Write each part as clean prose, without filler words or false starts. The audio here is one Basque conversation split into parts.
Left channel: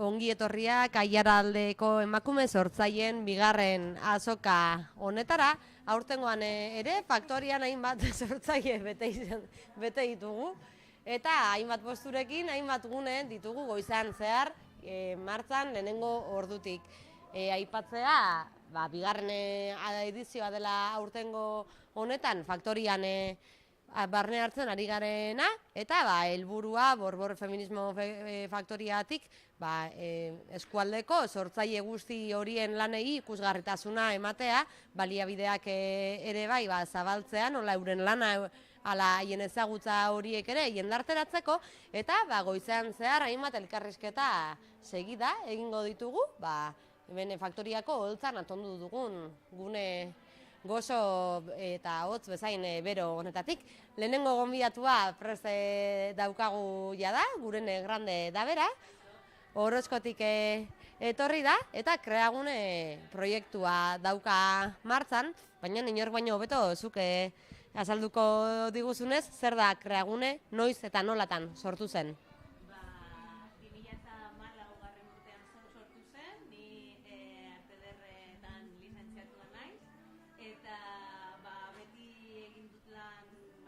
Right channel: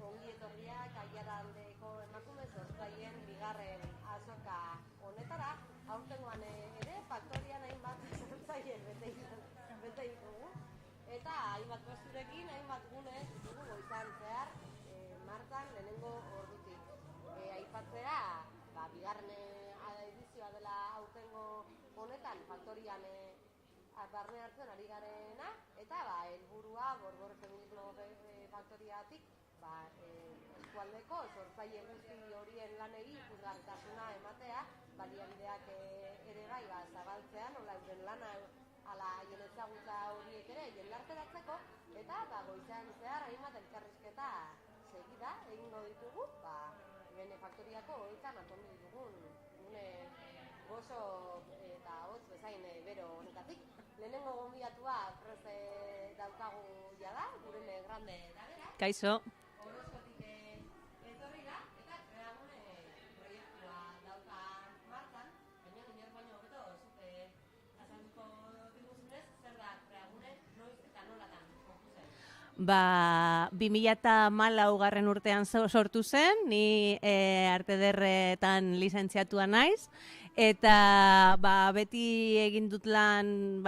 ongi etorriak Aiaraldeko emakume sortzaileen bigarren azoka honetara. Aurtengoan ere faktorian hainbat sortzaile bete ditugu eta hainbat posturekin hainbat gune ditugu goizan zehar martzan lehenengo ordutik. Aipatzea, bigarren edizioa dela aurtengo honetan faktorian barne hartzen ari garena, eta helburua Borbor Feminismo Faktoriatik eskualdeko sortzaile guzti horien lanei ikusgarritasuna ematea, baliabideak ere zabaltzea, nola euren lana ala haien ezagutza horiek ere jendarteratzeko, eta goizean zehar hainbat elkarrizketa segida egingo ditugu, hemen faktoriako holtzan atondu dugun gune gozo eta hotz bezain bero honetatik. Lehenengo gonbidatua prest daukagu jada, gurene grande da bera. Kaixo. Orozkotik etorri da, eta Kreagune proiektua dauka martzan, baina inork baino hobeto zuke azalduko diguzunez, zer da Kreagune, noiz eta nolatan sortu zen? 2014 urtean sortu zen, ni arte ederretan lizentziatua naiz, eta beti egin dut lan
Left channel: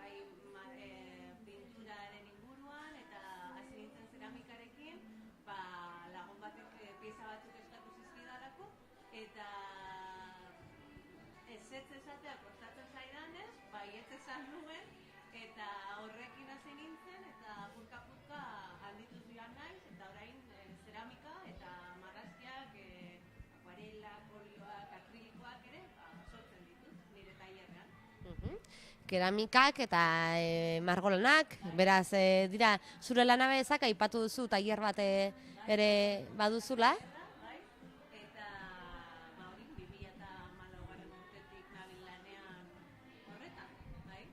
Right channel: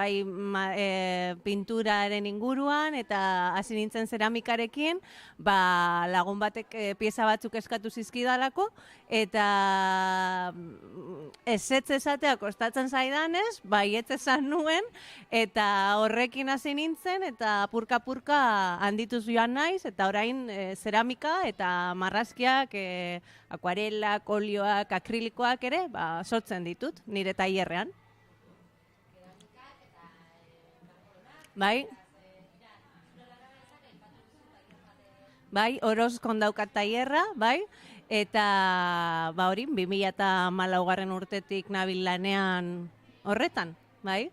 pinturaren inguruan, eta hasi nintzen zeramikarekin, lagun batek pieza batzuk eskatu zizkidalako, eta ezetz esatea kostatzen zaidanez, baietz esan nuen, eta horrekin hasi nintzen, eta purka-purka handituz joan naiz, eta orain zeramika eta marrazkiak, akuarelak, olioak, akrilikoak ere, sortzen ditut, nire tailerrean. Keramikak eta margolanak, beraz, dira, zure lanabezak aipatu duzu tailer bat bai, Orozkon daukat tailerra, bai, eta hori, 2014 urtetik nabil lanean horretan, bai.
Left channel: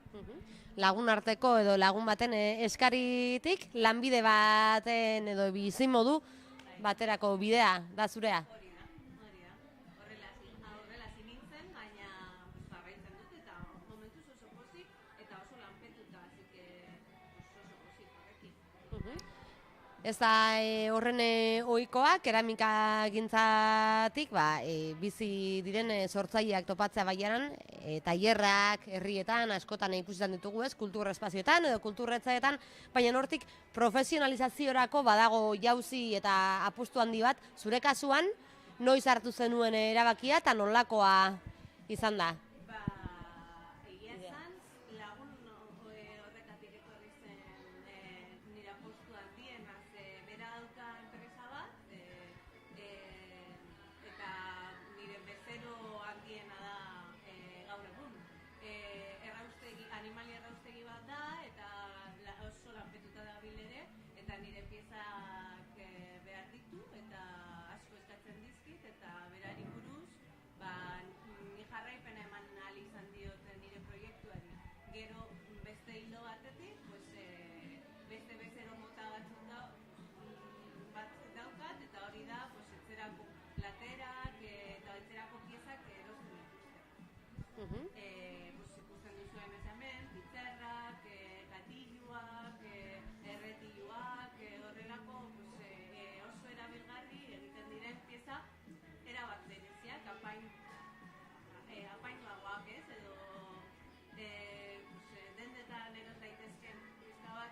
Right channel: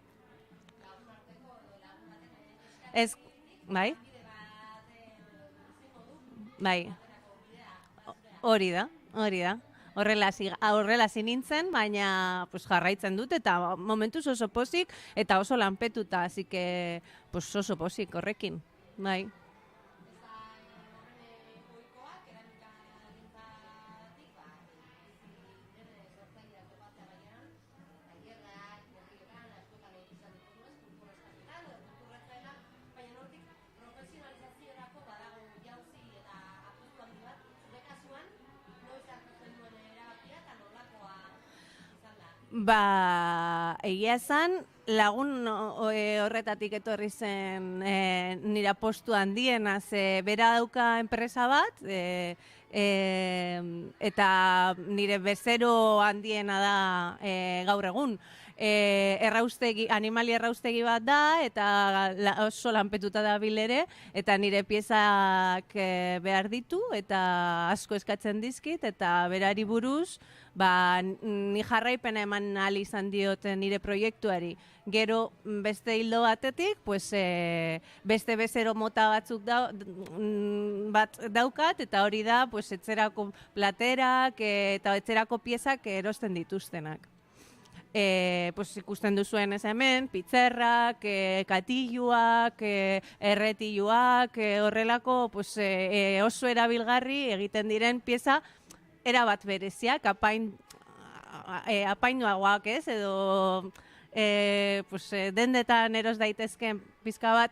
Lagun arteko edo lagun baten eskaritik, lanbide baten edo bizimodu baterako bidea da zurea. Hori da. Horrela hasi nintzen, baina jarraitzen dut eta momentuz oso pozik eta oso lanpetuta, así que oso pozik horrekin. Bai. Ez da horren ohikoa, keramika gintzatik, bizi diren sortzaileak topatzea baiaran, tailerrak, herrietan, askotan ikusten ditugu ez, kultur espazioetan edo kulturretzaetan, baina hortik profesionalizaziorako badago jauzi eta apustu handi bat, zure kasuan, noiz hartu zenuen erabakia eta nolakoa izan da? Egia esan, lagun horretatik etorri zen nire postu handiena, bera dauka enpresa bat, eta nire bezero handiena da gaur egun. Animali erraustegi bat da, eta oso lanpetuta da ere, eta nire piezak behar ditu, eta asko eskatzen dizkit, eta berari buruz, ni jarraipena eman ahal izan diot nire proiektuari. Gero beste hildo batetik, beste bezero mota batzuk bat daukat, eta hori da etzerako platerak eta etzerako piezak erosten dituztenak. Ikusten duzuen ez hemen, pitzerrak, katilluak, erretiluak, horrelako oso erabilgarri egiten diren pieza erabat bereziak, apainuagoak ez, edo dendetan eros daitezken pizka bat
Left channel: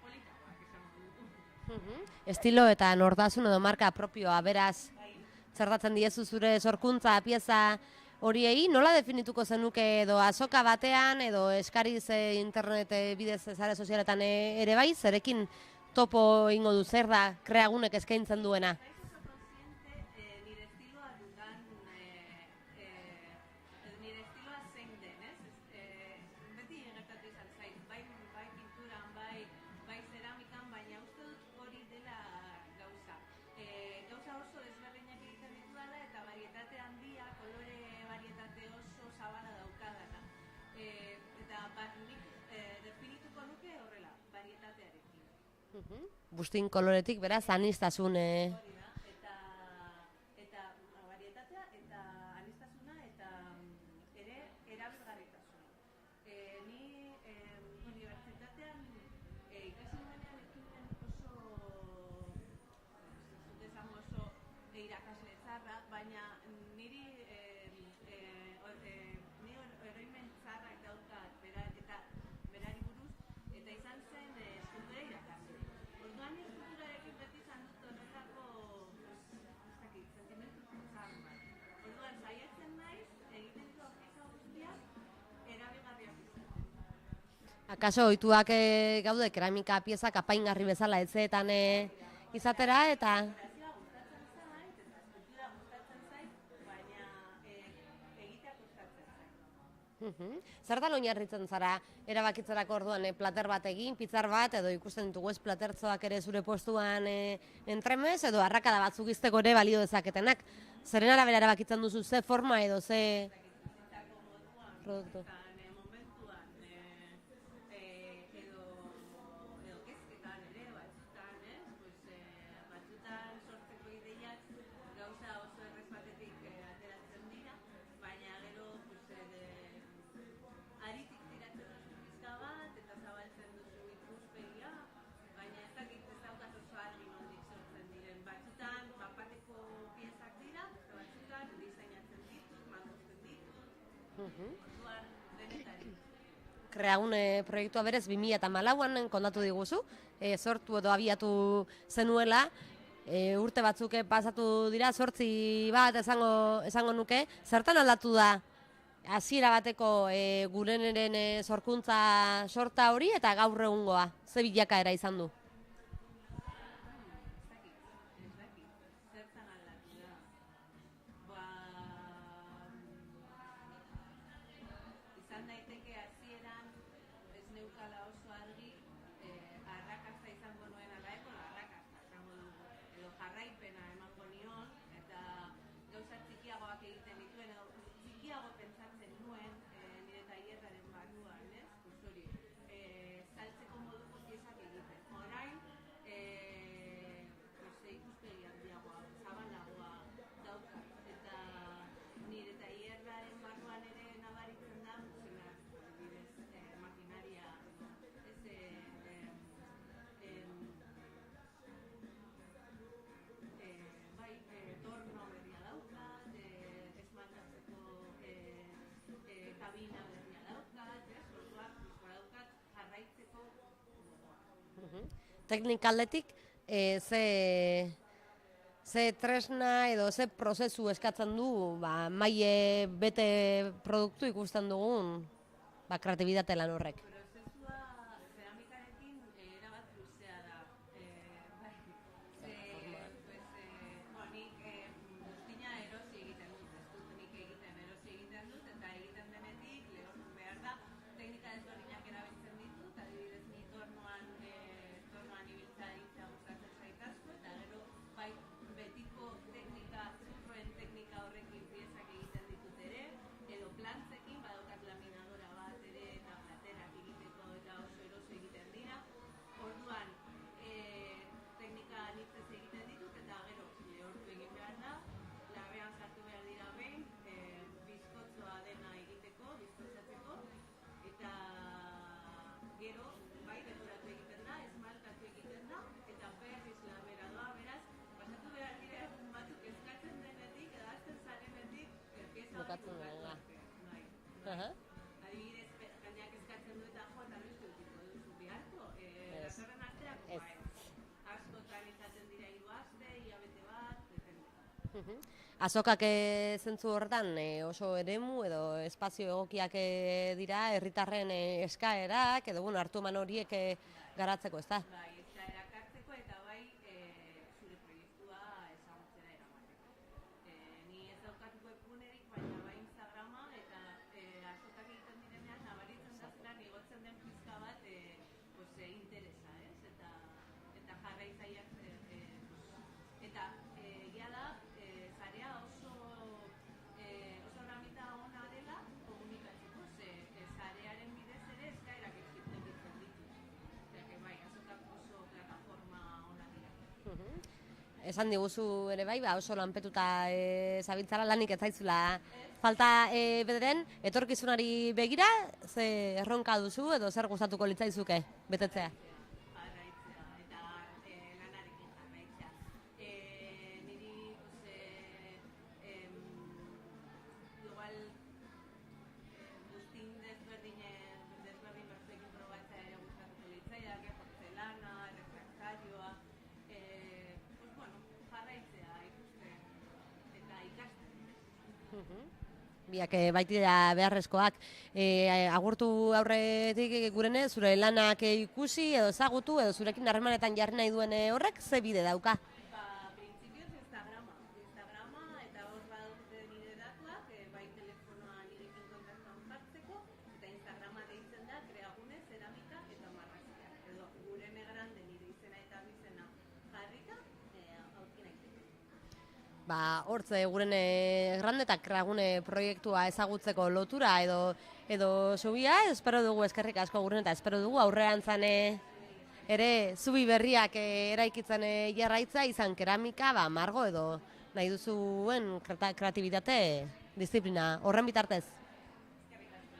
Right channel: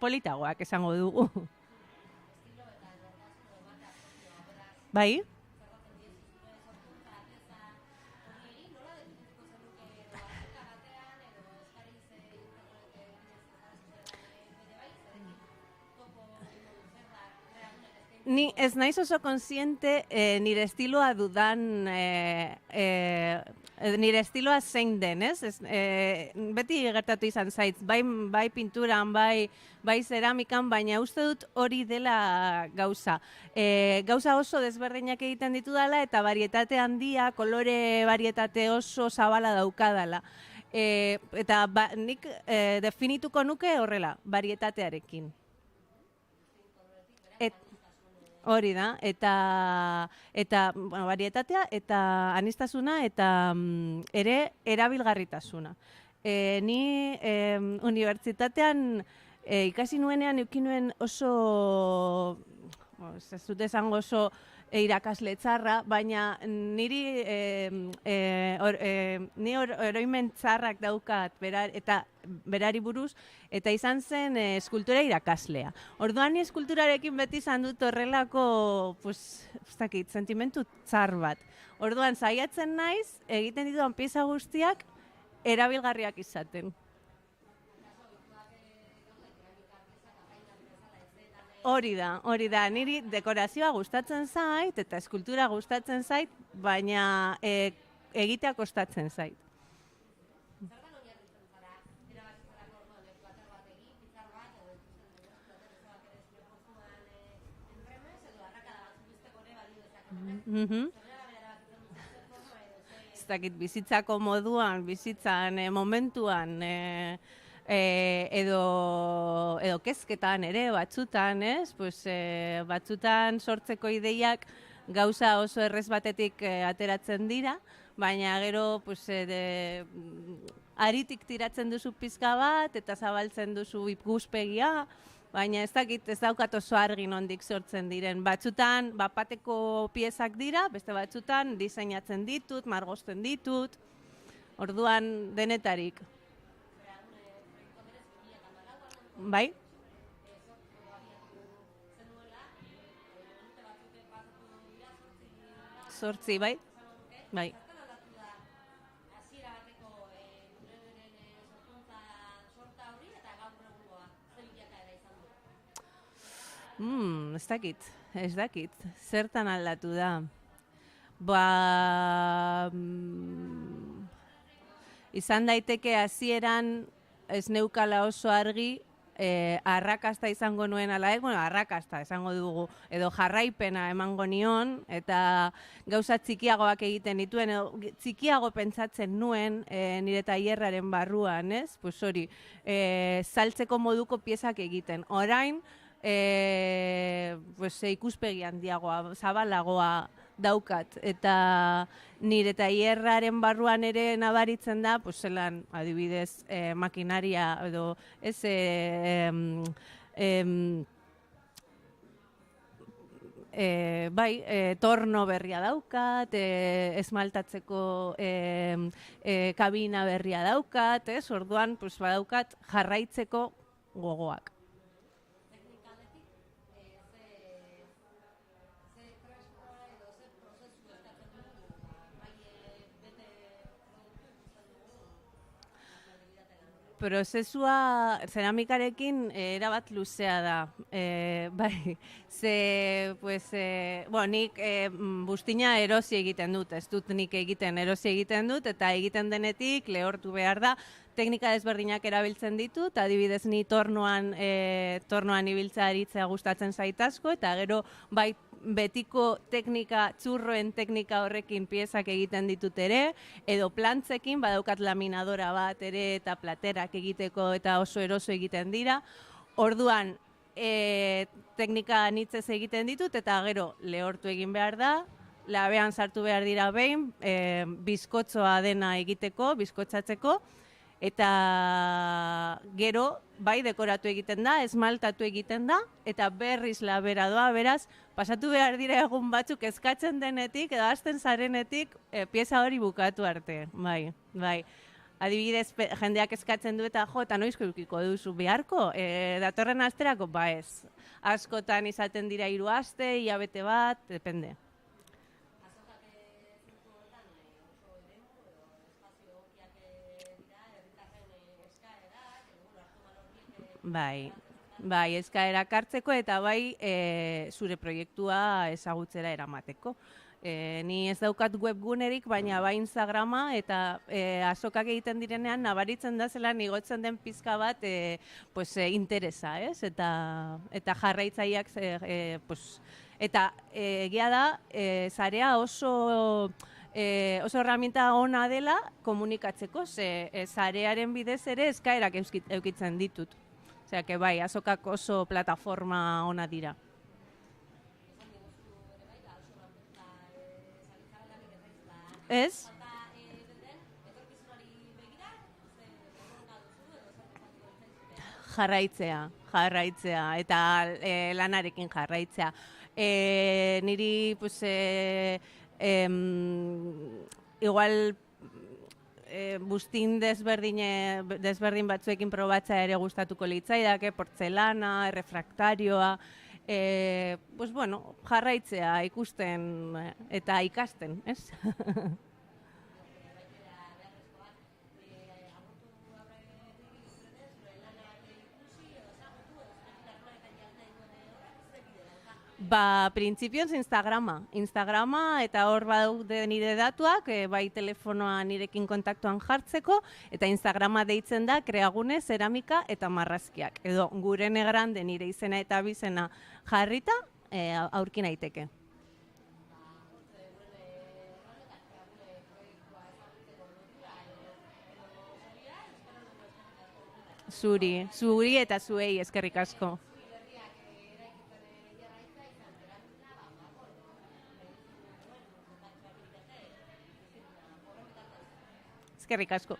politagoak esango dugu. Estilo eta nortasun edo marka propioa, beraz, zertatzen diezu zure sorkuntza pieza horiei, nola definituko zenuke edo azoka batean edo eskariz internet bidez sare sozialetan ere zerekin topo ingo du, zer da Kreagunek eskaintzen duena? Ni ez naiz oso konsiente nire estiloa dudan, nire estiloa zein den, ez? Beti gertatu izan zait, bai pinturan, bai zeramikan, baina uste dut hori dela gauza. Gauza oso desberdinak egiten ditu dela eta varietate handia, kolore varietate oso zabala daukadala. Eta nik definituko nuke horrela, varietatearekin. Bustin koloretik, beraz, aniztasun. Hori da, eta varietatea eta aniztasuna eta ere erabilgarritasuna. Ni unibertsitatean ikasi nuenean eukin nuen oso ez dut esango oso irakasle txarra, baina ni oroimen txarrak daukat eta berari buruz, eta izan zen eskultura irakaslea. Orduan ni eskulturarekin beti izan dut horrelako, ez dakit, sentimentu txar bat. Orduan saiatzen naiz, egiten ditudan pieza guztiak erabilgarriak izaten. Akaso ohituak gaude keramika piezak apaingarri bezala etxeetan Hori da, niri dekorazioa gustatzen zait eta eskultura gustatzen zait, baina egitea kostatzen zait. Zertan oinarritzen zara erabakitzerako orduan plater bat egin, pitzar bat, edo ikusten ditugu ez platertzoak ere zure postuan entremez, edo arrakada batzuk izteko ere balio dezaketenak. Zeren arabera erabakitzen duzu ze forma edo ze... Ez dakit, bizitzako moduan, bizitzan, momentuan, edo kezketan ere, batzutan, ez? Batzutan sortzeko ideiak gauza oso errez batetik ateratzen dira, baina gero aritik tiratzen duzu pizka bat eta zabaltzen duzu ikuspegia, baina ez dakit, ez daukat oso argi nondik sortzen diren. Batzutan bat-bateko piezak dira, beste batzutan diseinatzen ditut, margosten ditut, orduan denetarik. Kreagun proiektua berez 2014an kontatu diguzu, sortu edo abiatu zenuela, urte batzuk pasatu dira, 8 bat esango nuke. Zertan aldatu da hasiera bateko gureneren sorkuntza sorta hori eta gaur egungoa? Ze bilakaera izan du? Ez dakit. Zertan aldatu da? Izan daiteke hasieran ez neukala oso argi arrakasta izango nuen ala arrakasta esango dugu, edo jarraipena emango nion, eta gauza txikiagoak egiten dituen, txikiago pentsatzen nuen nire tailerraren barruan, ez? Pues hori, saltzeko moduko piezak egiten. Orain, ikuspegi handiagoa, zabalagoa daukat, eta nire tailerraren barruan ere nabaritzen da, zelan, adibidez, makinaria edo ez torno berria daukat, esmaltatzeko kabina berria daukat, orduan badaukat jarraitzeko gogoak. Teknikaldetik, ze tresna edo ze prozesu eskatzen du maile bete produktu ikusten dugun kreatibitate lan horrek? Prozesua zeramikarekin erabat luzea da. Nik buztina erosi egiten dut, ez dut nik egiten erosi egiten dut, eta egiten denetik lehortu behar da. Teknika desberdinak erabiltzen ditut, adibidez ni tornoan ibiltzea aritzea gustatzen zait asko, eta gero betiko teknika, txurroen teknika horrekin piezak egiten ditut ere, edo plantzekin, badaukat laminadora bat ere eta platerak egiteko eta oso eroso egiten dira. Orduan, teknika anitzez egiten ditut eta gero lehortu egin behar da, labean sartu behar dira behin, bizkotzoa dena egiteko, bizkotzatzeko, eta gero bai dekoratu egiten da, esmaltatu egiten da, eta berriz labera doa, beraz, pasatu behar dira egun batzuk eskatzen denetik, edo hasten zarenetik, pieza hori bukatu arte, bai. Adibidez, jendeak eskatzen du eta eta noizko edukiko duzu beharko, datorren asterako, ez. Askotan izaten dira 3 aste, hilabete bat, depende. Azokak zentzu horretan oso eremu edo espazio egokiak dira, herritarren eskaerak edo hartu eman horiek garatzeko, ezta? Bai, eskaerak hartzeko eta bai zure proiektua ezagutzera eramateko. Ni ez daukat webgunerik, baina bai Instagrama eta azokak egiten direnean nabaritzen da zelan igotzen den pizka bat interesa, ez? Eta jarraitzaileak eta egia da, sarea oso herramienta ona dela komunikatzeko, sarearen bidez ere eskaerak eukitzen ditut. Osea, bai, azokak oso plataforma ona dira. Esan diguzu ere bai, oso lanpetuta zabiltzara lanik ez zaizula. Ez? Falta bederen, etorkizunari begira, ze erronka duzu edo zer gustatuko litzaizuke? Jarraitzea, eta lanarekin jarraitzea. niri, pues, igual, bustin desberdin batzuekin probatzea ere gustatuko litzaidake, portzelana, errefraktarioa, pues bueno, jarraitzea ikusten eta ikasten, ez? Biak baitira beharrezkoak. Agurtu aurretik gurene, zure lanak ikusi edo ezagutu edo zurekin harremanetan jarri nahi duen horrek ze bide dauka? Ba, printzipioz Instagrama eta hor badaude nire datuak, bai telefonoa nirekin kontaktuan jartzeko, eta Instagrama deitzen da Kreagune Zeramika eta Marrazkiak. Edo Gurene Grande nire izena eta bizena jarrita aurki naiteke. Ba, hortze Gurene Grande eta Kreagune proiektua ezagutzeko lotura edo zubia, espero dugu eskerrik asko Gurene, eta espero dugu aurrean zuri eta zuei eskerrik asko. Ere, zubi berriak eraikitzen jarraitza, izan keramika, margo edo nahi duzuen kreatibitate disiplina horren bitartez. Eskerrik asko.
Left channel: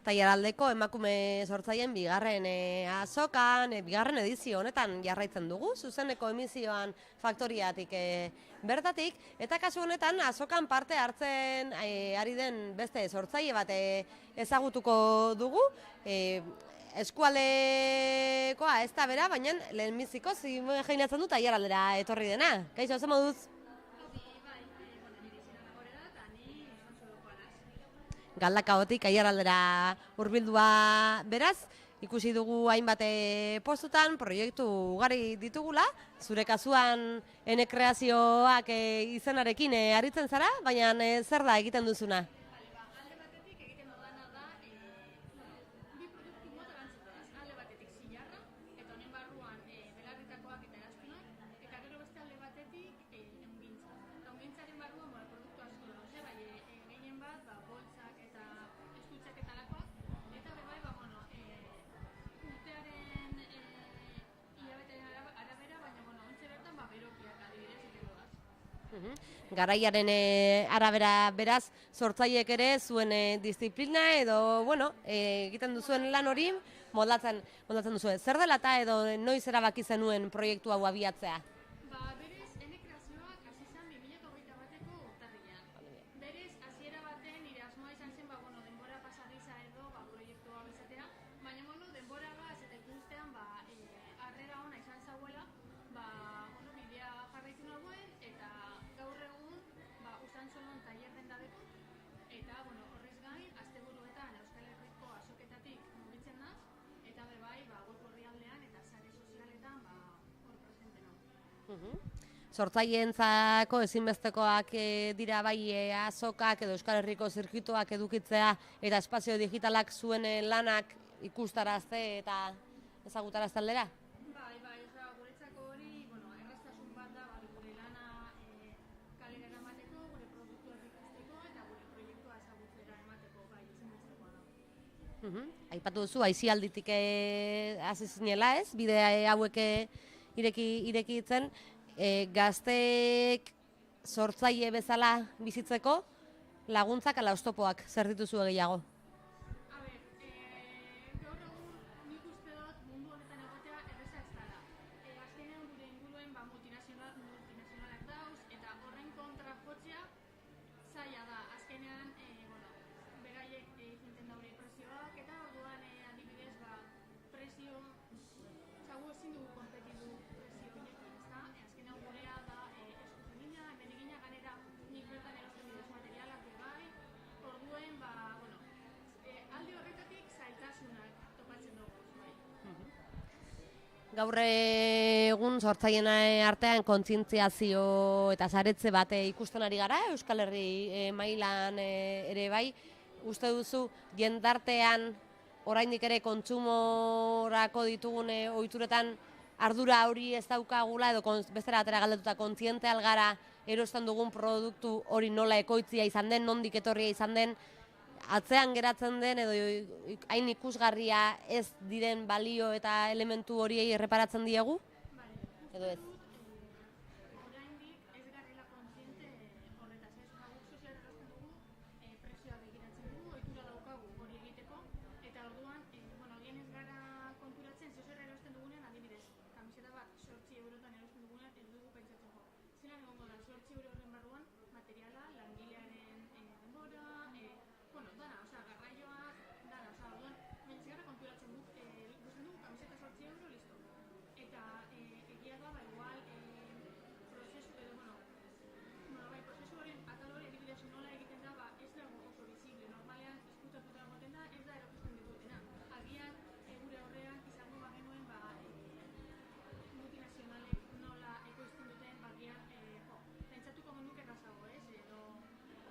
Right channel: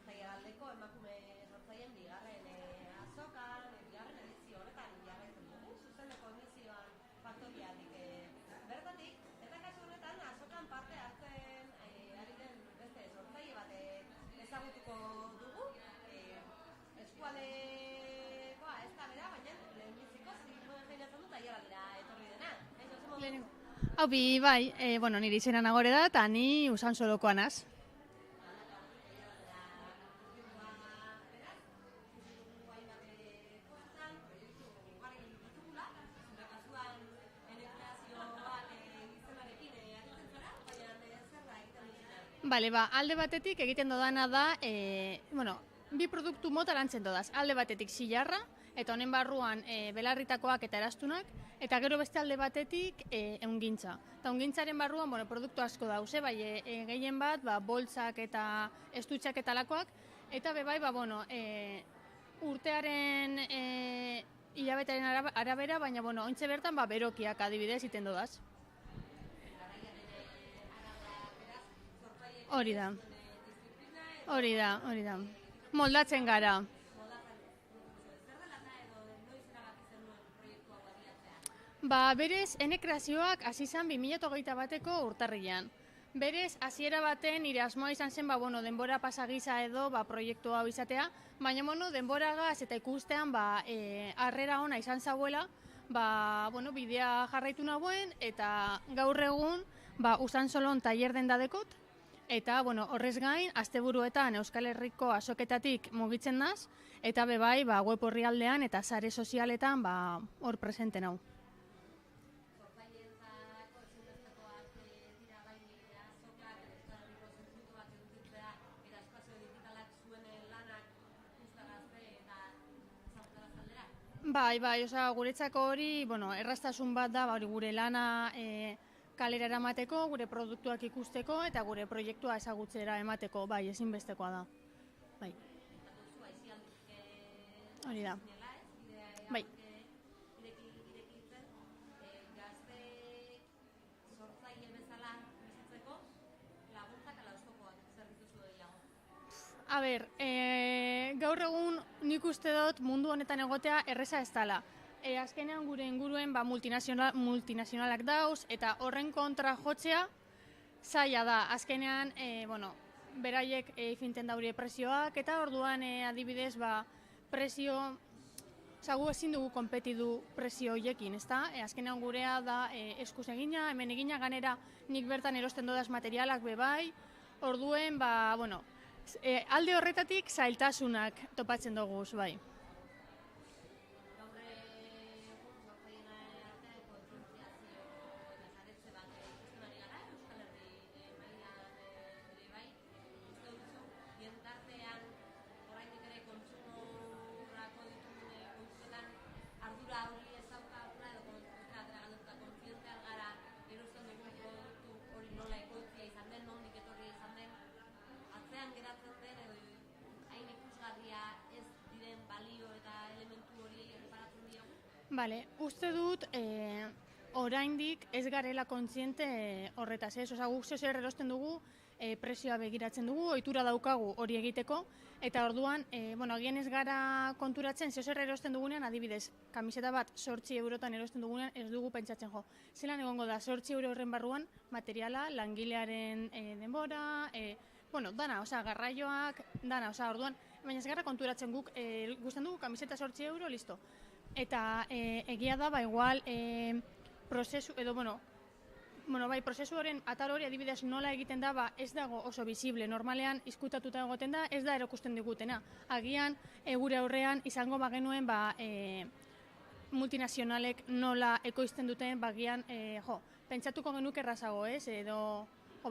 Taileraldeko emakume sortzaileen bigarren azokan, bigarren edizio honetan jarraitzen dugu, zuzeneko emisioan faktoriatik bertatik, eta kasu honetan azokan parte hartzen ari den beste sortzaile bat ezagutuko dugu, eskualdekoa ez da bera, baina lehenbiziko imaginatzen dut taileraldera etorri dena. Kaixo, ze moduz? Haupi, bai, nire izena Nagore da, eta ni Usansolokoa naz. Galdakaotik aiaraldera hurbildua beraz, ikusi dugu hainbat postutan, proiektu ugari ditugula, zure kasuan ene kreazioak izenarekin aritzen zara, baina zer da egiten duzuna? Bale, alde batetik egiten dodana da, bi produktu mota lantzen dodaz. Alde batetik zilarra, eta honen barruan belarritakoak eta erastunak, eta gero beste alde batetik ehungintza. Eta ehungintzaren barruan produktu asko dauze, bai gehien bat, boltsak eta estutxak eta lakoak, eta bebai, urtearen hilabetearen arabera, baina ointxe bertan berokiak adibidez iten dodaz. Garaiaren arabera beraz, sortzaileek ere zuen disiplina edo egiten duzuen lan hori moldatzen duzu. Zer dela eta edo noiz erabaki zenuen proiektu hau abiatzea? Berez, ene kreazioak hasi zen 2021ko urtarrilean. Berez, hasiera baten nire asmoa izan zen denbora pasagisa edo proiektu hau izatea, baina denboragaz eta ikustean harrera ona izan zauela, bidea jarraitu nahuen eta gaur egun Usansolon tailer denda dekot, eta horrez gain, asteburuetan Euskal Herriko azoketatik mugitzen naz, eta bebai web orrialdean eta sare sozialetan hor presente nau. Sortzaileentzako ezinbestekoak dira bai azokak edo Euskal Herriko zirkuituak edukitzea eta espazio digitalak zuen lanak ikustarazte eta ezagutarazte aldera? Bai, guretzako hori, erraztasun bat da gure lana kalera eramateko, gure produktuak ikusteko eta gure proiektua ezagutzera emateko, ezinbestekoa da. Aipatu duzu, aisialditik hasi zinela ez, bide hauek irekitzen, gazteek sortzaile bezala bizitzeko laguntzak ala oztopoak zer dituzu gehiago? Gaur egun nik uste dut mundu honetan egotea erreza ez dela. azkenean gure inguruen multinazionalak dauz, eta horren kontra jotzea zaila da. Azkenean, beraiek finten daure prezioak, eta orduan adibidez, prezio, gu ezin dugu konpetidu prezio horiekin, ezta? Azkenean gurea da eskuz egina, hemen egina, ganera nik bertan erosten dodaz materialak bebai, orduen, alde horretatik zailtasunak topatzen dugu, bai. Gaur egun sortzaileen artean kontzientziazio eta saretze bat ikusten ari gara, Euskal Herri mailan ere bai. Uste duzu, jendartean oraindik ere kontsumorako ditugun ohituretan ardura hori ez daukagula, edo bestera batera galdetuta kontziente algara erosten dugun produktu hori nola ekoitzia izan den, nondik etorria izan den, atzean geratzen den edo hain ikusgarria ez diren balio eta elementu horiei erreparatzen diegu? Bale, uste dut oraindik ez garela kontziente horretaz, ez? Guk zer erosten dugu, prezioa begiratzen dugu, ohitura daukagu hori egiteko, eta orduan, agian ez gara konturatzen, zer erosten dugunean, adibidez, kamiseta bat 8 eurotan erosten dugunean, ez dugu pentsatzen jo. Zelan egongo da, 8 euro horren barruan, materiala, langilearen denbora, dana, garraioak, dana, orduan, baina ez gara konturatzen guk, guztan dugu, kamiseta 8 euro, listo. Eta egia da, igual, prozesu, edo, prozesu horren atal hori adibidez nola egiten da, ez dago oso visible. Normalean, izkutatuta egoten da, ez da erokusten digutena. Agian, gure aurrean, izango bagenuen, multinazionalek nola ekoizten duten, bagian, pentsatuko genuke errazago, ez? Edo,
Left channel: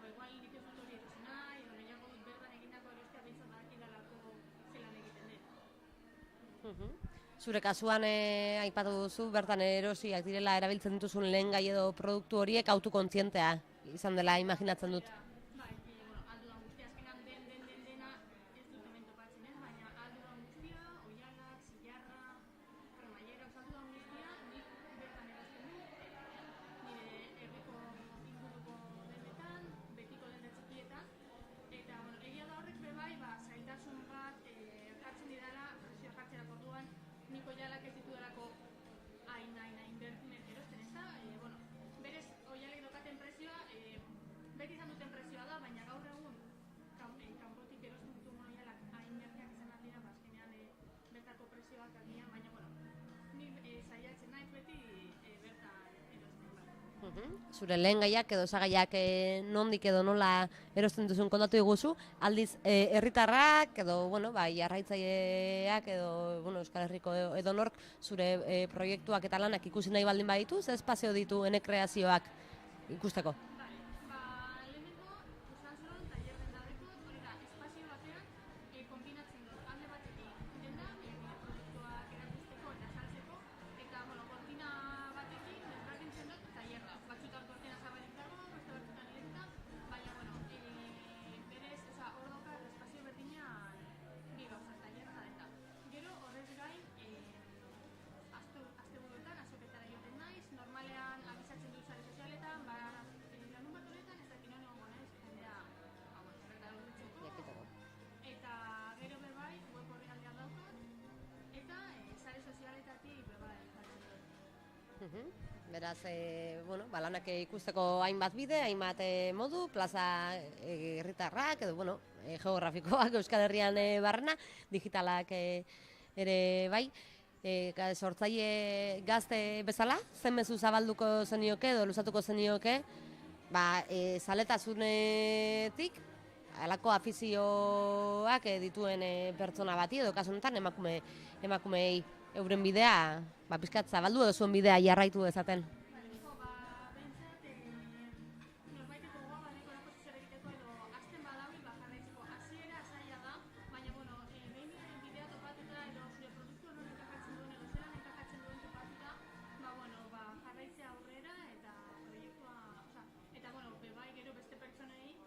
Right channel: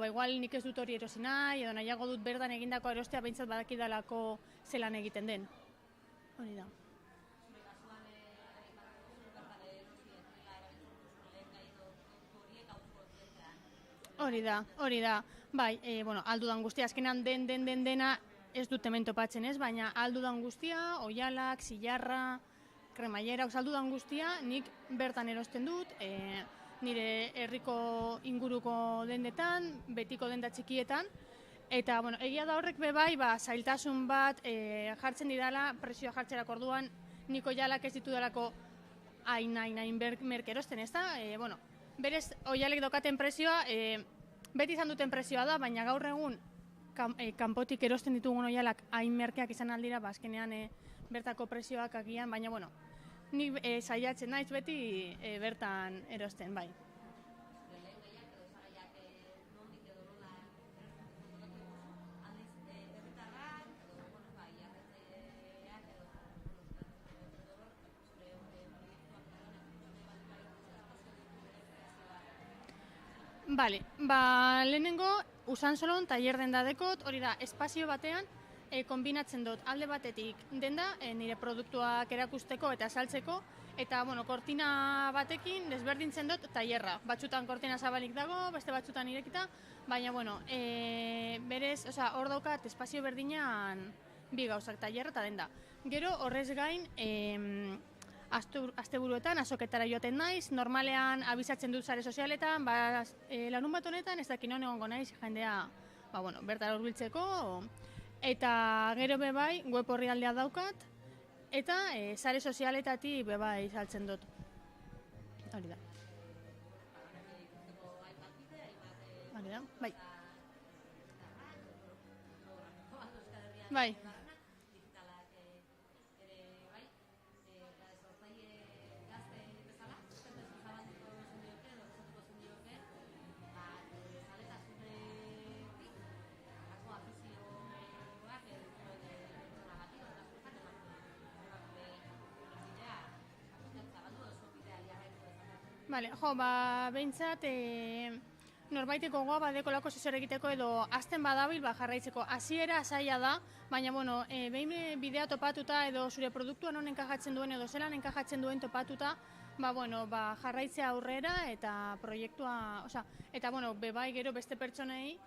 igual nik ez dut hori erosi nahi, edo nahiago dut berdan egindako erostea behintzat badakidalako zelan egiten den. Hori da. Zure kasuan aipatu duzu, bertan erosiak direla erabiltzen dituzun lehen gai edo produktu horiek autokontzientea izan dela imaginatzen dut. Hori da, bai, aldudan guztia, azkenan dena ez dut hemen topatzen ez, baina aldudan guztia, oialak, zilarra, kremaiera, aldudan guztia nik bertan erosten dut, nire herriko inguruko dendetan, betiko denda txikietan, eta egia da horrek bebai, zailtasun bat jartzen didala, presioa jartzerak orduan, niko jalak ez ditu dalako hain merke erosten, ez da? Berez, oialek daukaten prezioa, beti izan duten prezioa da, baina gaur egun kanpotik erosten ditugun oialak hain merkeak izan aldira, azkenean bertako prezioak agian, baina ni saiatzen naiz beti bertan erosten, bai. Zure lehen gaiak edo osagaiak nondik edo nola erosten duzun kontatu diguzu, aldiz herritarrak edo jarraitzaileak edo Euskal Herriko edo nork zure proiektuak eta lanak ikusi nahi baldin baditu, ze espazio ditu kreazioak ikusteko? Bale, lehenengo Usansolon tailer denda dekot, hori da, espazio batean kombinatzen dut alde batetik denda nire produktuak erakusteko eta saltzeko, eta kortina batekin desberdintzen dut tailerra. Batzutan kortina zabalik dago, beste batzutan irekita, baina berez, hor daukat espazio berdinan bi gauzak, tailerra eta denda. Gero horrez gain, asteburuetan azoketara joaten naiz, normalean abisatzen dut sare sozialetan, lanun bat honetan ez dakin non egongo naiz jendea bertara hurbiltzeko, eta gero bebai web orrialdea daukat, eta sare sozialetatik bebai saltzen dut. Beraz, lanak ikusteko hainbat bide, hainbat modu, plaza herritarrak edo geografikoak Euskal Herrian barrena, digitalak ere bai. Sortzaile gazte bezala, zen mezu zabalduko zenioke edo luzatuko zenioke, zaletasunetik halako afizioak dituen pertsona bati edo kasu honetan emakumeei euren bidea pizkat zabaldu edo zuen bidea jarraitu dezaten. Bale, behintzat norbaiteko goa badeko lako zer egiteko edo azten badabil jarraitzeko. Hasiera zaila da, baina behin bidea topatuta edo zure produktuan non enkajatzen duen edo zelan enkajatzen duen topatuta, jarraitzea aurrera eta proiektua, eta bebai gero beste pertsonei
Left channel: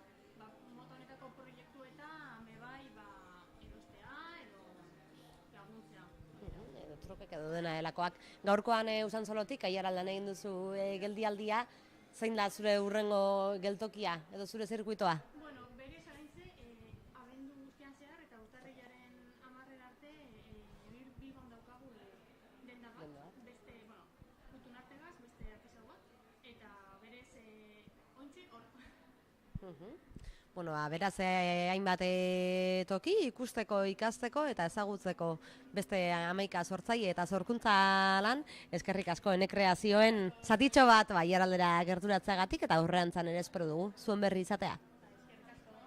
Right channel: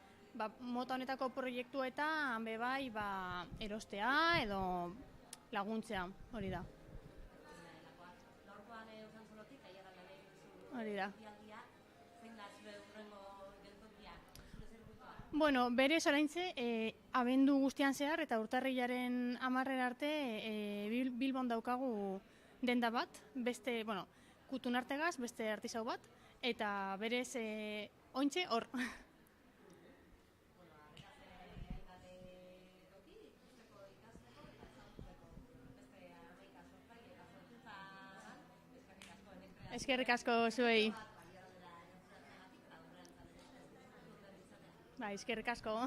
mota honetako proiektuetan bebai erostea edo laguntzea, hori da. Trukek edo dena delakoak. Gaurkoan Usansolotik aiaraldan egin duzu geldialdia, zein da zure hurrengo geltokia edo zure zirkuitoa? Berez oraintze, abendu guztian zehar eta urtarrilaren 10 arte Bilbon daukagu denda bat, beste, kutunartegaz, beste artisau bat, eta berez ointxe hor. Beraz, hainbat toki ikusteko, ikasteko eta ezagutzeko beste 11 sortzaile eta sorkuntza lan, eskerrik asko Enekreazioen zatitxo bat Aiaraldera gerturatzeagatik eta aurreantzan ere espero dugu zuen berri izatea. Eskerrik asko.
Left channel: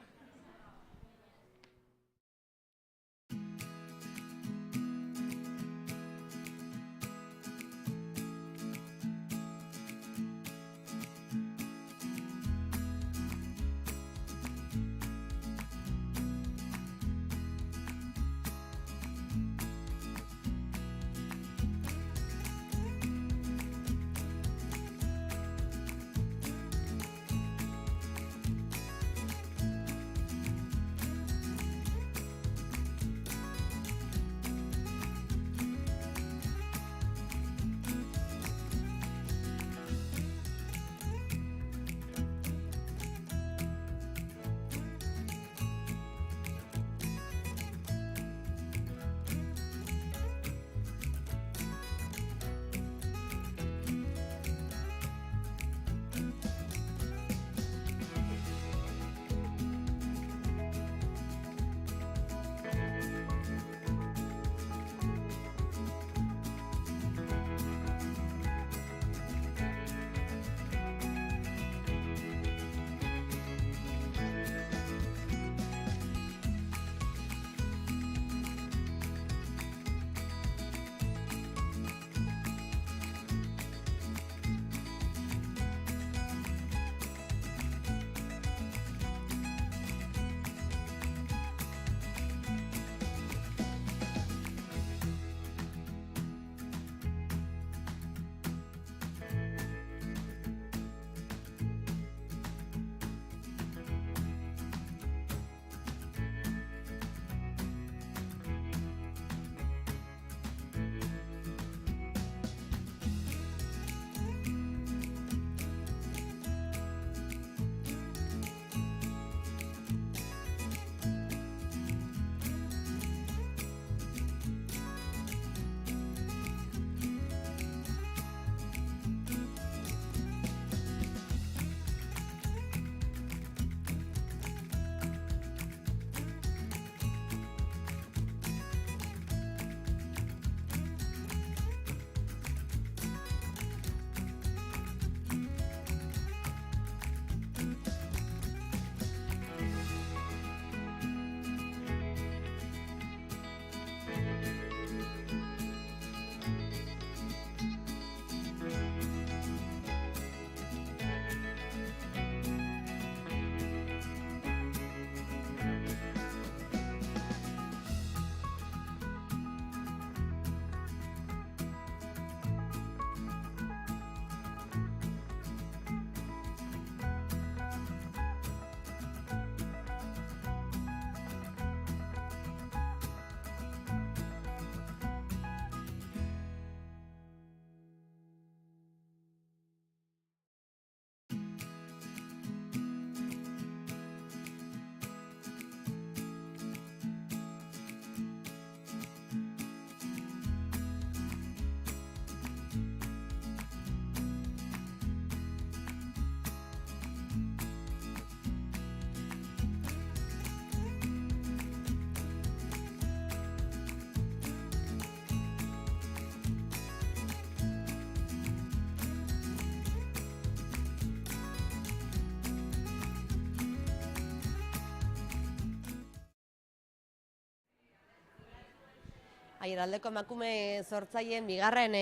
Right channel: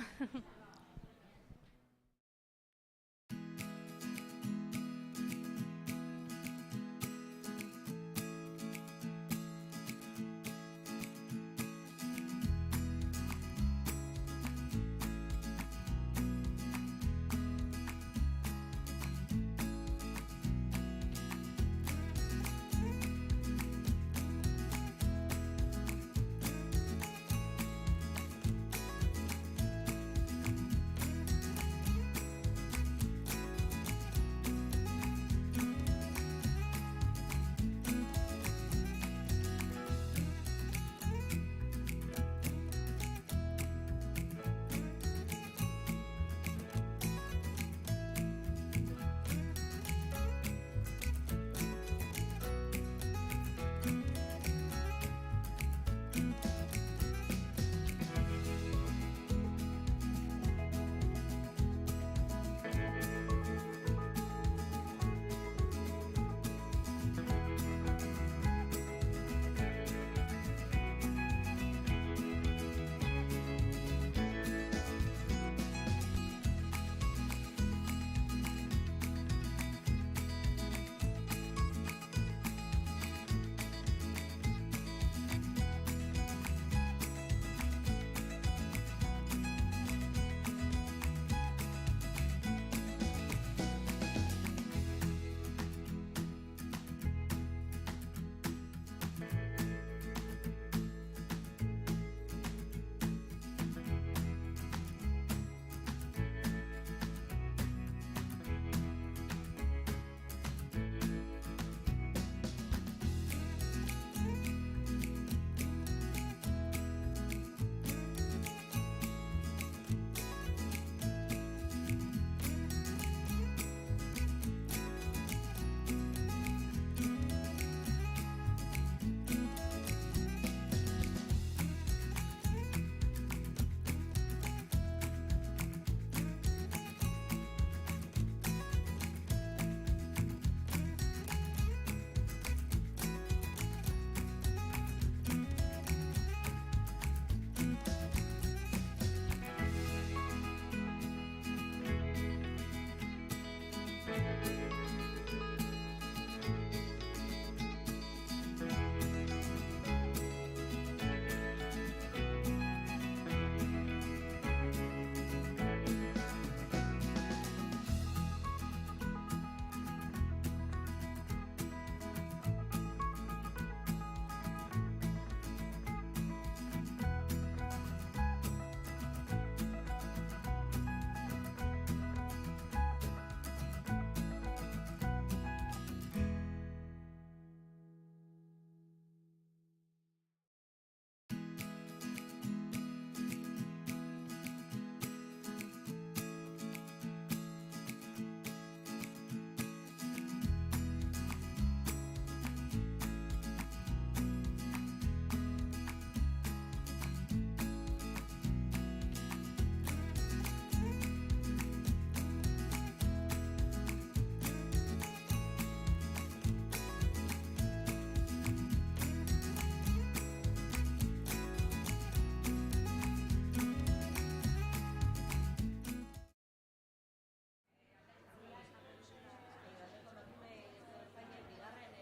Aiaraldeko emakume sortzaileen bigarren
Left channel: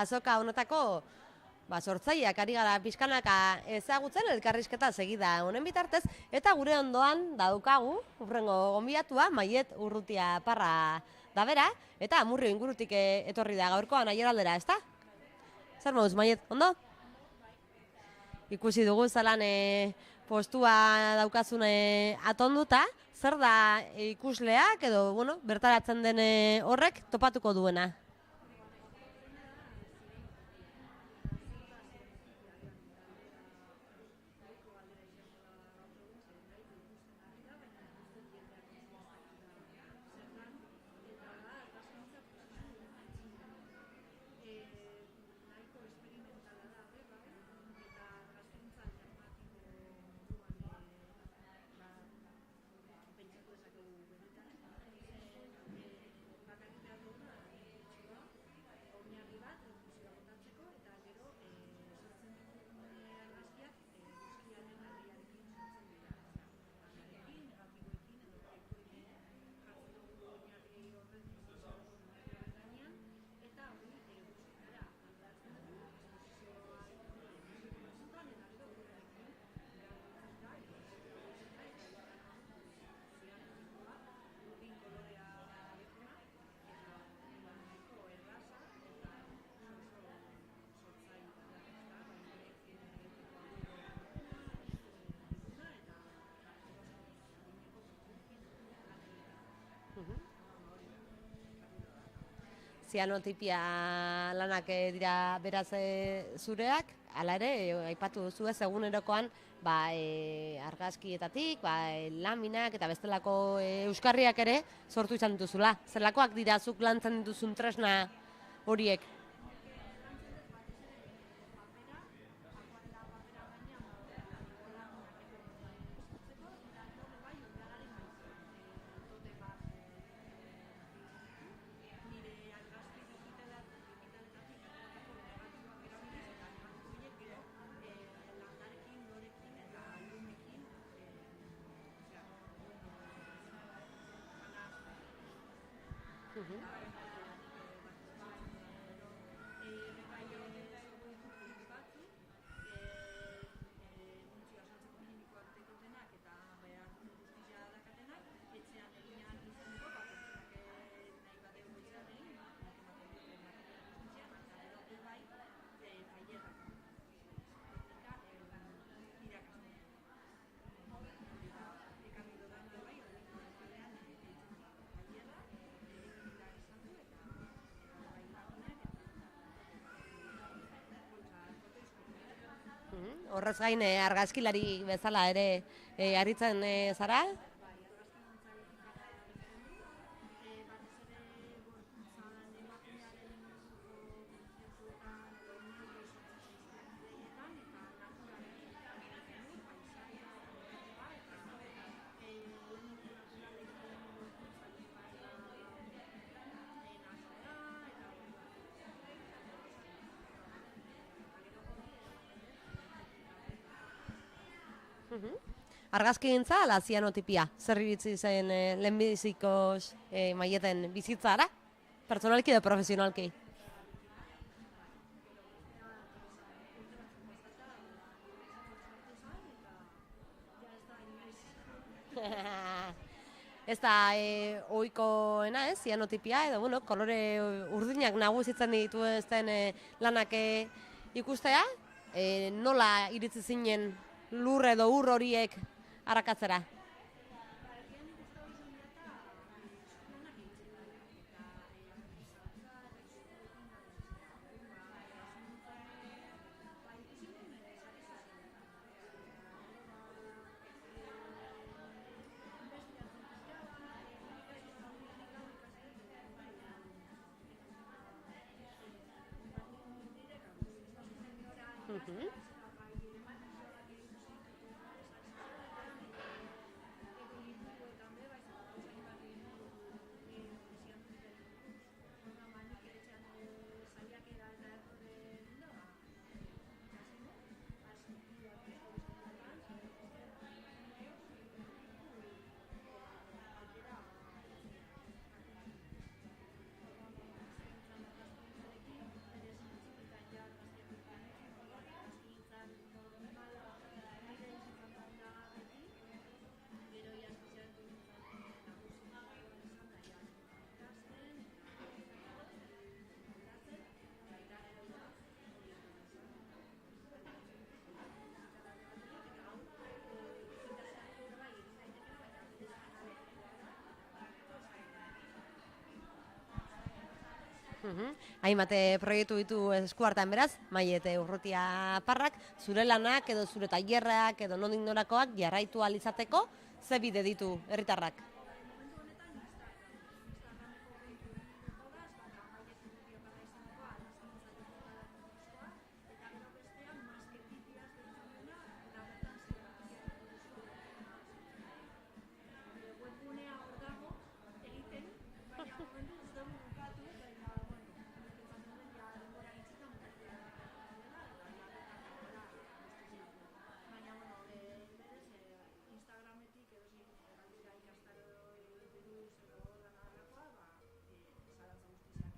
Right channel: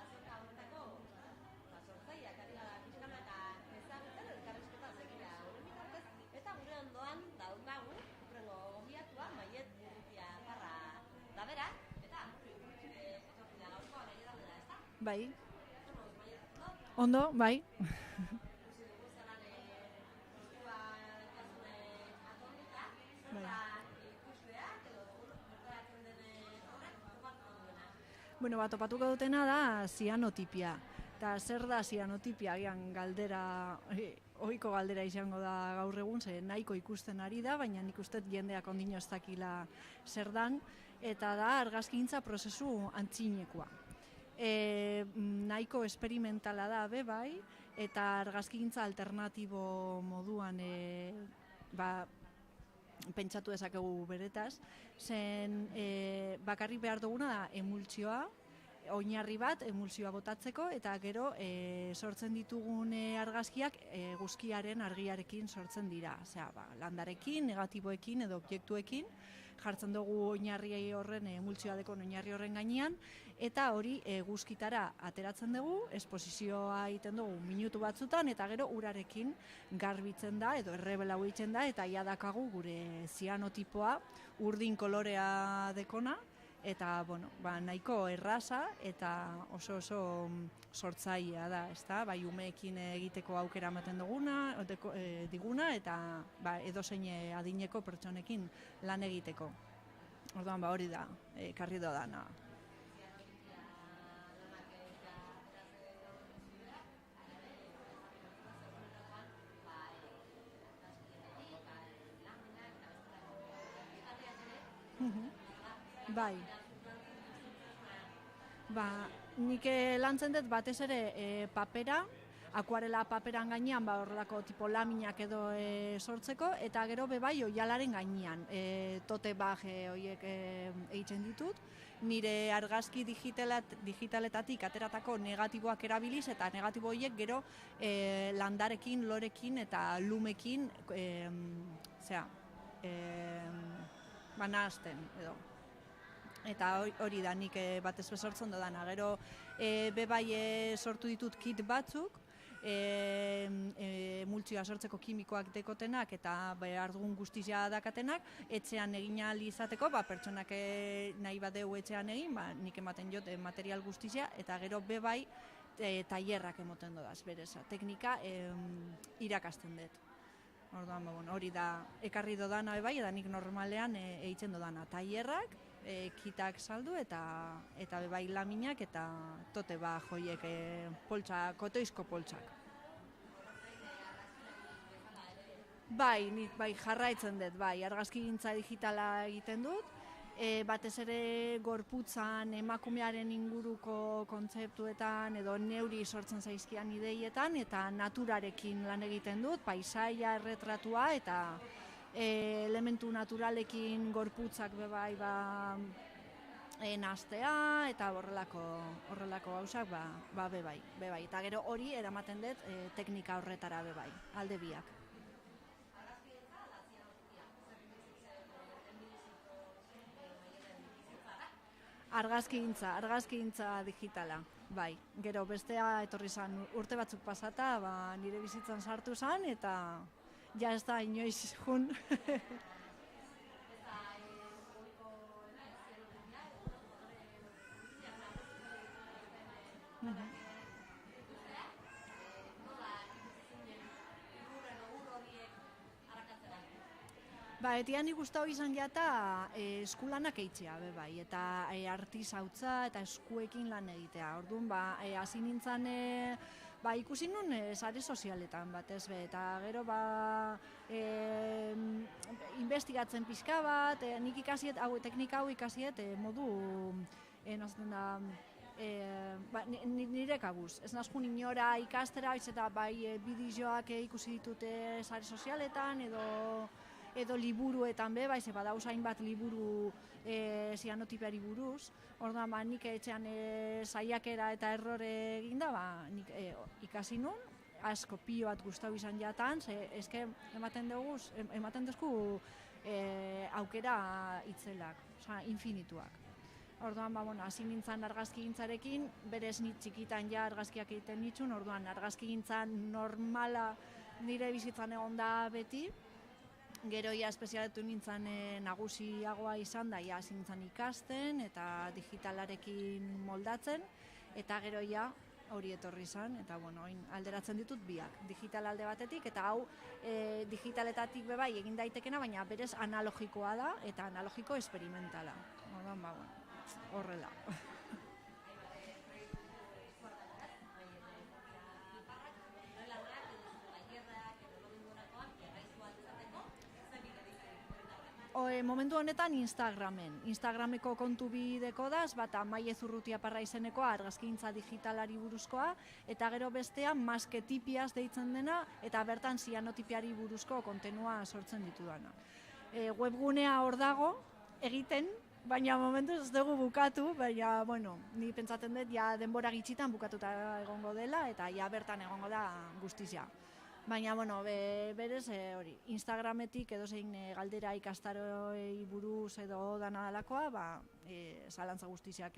azoka honetako sortzaileak ari gara pixkanaka ezagutzen elkarrizketa segida honen bitartez, eta gure ondoan daukagu hurrengo gonbidatua Maiet Urrutia Parra da bera, eta Amurrio ingurutik etorri da gaurkoan Aiaraldera, ezta? Bai. Zer moduz, Maiet, ondo? Ondo, bai. Ikusi dugu zalan postua daukazune atonduta, zer da ikusleak edo bertaratzen den horrek topatuko duena? Topatuko dutena da zianotipia. Eta zer da zianotipia, agian galdera, ohiko galdera izango da gaur egun, ze nahiko ikusten ari da, baina nik uste jendeak ondino ez dakila zer dan, eta da argazkintza prozesu antzinekoa. nahiko esperimentala da bai, eta argazkigintza alternatibo moduan pentsatu dezakegu beretaz, zen bakarrik behar duguna da emultsioa, oinarri bat emultsioa botatzeko, eta gero sortzen ditugun argazkiak eguzkiaren argiarekin sortzen dira. Osea, landarekin, negatiboekin edo objektuekin, jartzen dugu oinarri horren, emultsioa dekon oinarri horren gainean, eta hori eguzkitara ateratzen dugu, esposizioa egiten dugu minutu batzutan, eta gero urarekin garbitzen da, edo errebelau egiten da, eta ia dakagu gure zianotipoa urdin kolorea dekona, eta nahiko erraza eta oso sortzailea da, ezta? Bai umeekin egiteko aukera ematen diguna eta edozein adineko pertsonekin lan egiteko. Orduan hori da, ekarri dodana. Zianotipia lanak dira beraz zureak, hala ere, aipatu duzu ez egunerokoan argazkietatik, laminak eta bestelako euskarriak ere sortu izan dituzula. Zerlakoak dira zuk lantzen dituzun tresna horiek? Nik lantzen dut batez ere papera, akuarela paperan gainean horrelako tipo laminak edo sortzeko, eta gero bebai oialaren gainean, tote bag horiek egiten ditut. Nire argazki digitaletatik ateratako negatiboak erabiliz, eta negatibo horiek gero landarekin, lorekin eta lumekin nahazten edo. Eta hori da nik batez sortzen dudana. Gero bebai sortu ditut kit batzuk, emultsioa sortzeko kimikoak dekotenak eta behar dugun guztizia dakatenak, etxean egin ahal izateko, pertsonak nahi badeu etxean egin, nik ematen jot material guztizia, eta gero bebai tailerrak emoten dodaz, berez, teknika irakasten dut. Orduan, hori da, ekarri dodana bai, eta nik normalean egiten dodana. Tailerrak, kitak saldu eta bebai laminak eta tote joiek kotoizko poltsak. Horrez gain argazkilari bezala ere aritzen zara? Jarraitzen dut, argazkigintza digitala egiten dut, batez ere gorputzan emakumearen inguruko kontzeptuetan edo neuri sortzen zaizkian ideietan, eta naturarekin lan egiten dut, paisaia, erretratua eta elementu naturalekin gorputzak bebai nahaztea eta horrelako gauzak bebai. Eta gero hori eramaten dut teknika horretara bebai, alde biak. Argazkigintza ala zianotipia? Zer iritzi zen lehenbiziko Maieten bizitzara? Pertsonalki edo profesionalki? Argazkigintza digitala, bai. Gero bestea etorri zen urte batzuk pasata, nire bizitzan sartu zen eta ja ez da inoiz jun. Ez da ohikoena, zianotipia, edo kolore urdinak nagusitzen dituzten lanak ikustea, nola iritzi zinen lur edo ur horiek arakatzera? Etian ikustau izan gehiata eskulanak eitzea, bai, eta artisautza eta eskuekin lan egitea. Orduan, hasi nintzen ikusi nun sare sozialetan batez be, eta gero investigatzen pixka bat, nik ikasiet, teknika hau ikasiet modu, nire kabuz. Ez nazkun inora ikastera, eta bideoak ikusi ditute sare sozialetan, edo liburuetan be, baiz, badauz hainbat liburu zianotipiari buruz. Orduan, nik etxean saiakera eta errore eginda, nik ikasi nun, asko pio bat gustau izan jatan, eske ematen duzku aukera itzelak, infinituak. Orduan, hasi nintzen argazkigintzarekin, berez nit txikitan ja argazkiak egiten nitsun, orduan argazkigintzan normala nire bizitzan egon da beti. Gero ja espezialetu nintzen nagusiagoa izan da, hasi nintzen ikasten eta digitalarekin moldatzen, eta gero ja hori etorri izan, eta alderatzen ditut biak, digital alde batetik, eta hau digitaletatik bebai egin daitekena, baina berez analogikoa da, eta analogiko esperimentala. Horrela. Hainbate proiektu ditu eskuartean beraz, Maiete Urrutia Parrak, zure lanak edo zure tailerrak edo nondik norakoak jarraitu ahal izateko, ze bide ditu herritarrak? Momentu honetan Instagrameko kontu bideko daz, bata Maile Zurrutia Parra izenekoa argazkintza digitalari buruzkoa, eta gero bestea masketipiaz deitzen dena, eta bertan zianotipiari buruzko kontenua sortzen ditudana. Webgunea hor dago, egiten, baina momentuz ez dugu bukatu, baina, ni pentsatzen dut, ja denbora gitxitan bukatuta egongo dela, eta ja bertan egongo da guztizia. Baina, berez, hori, Instagrametik edo zein galdera ikastaroei buruz edo dana dalakoa, zalantza guztiziak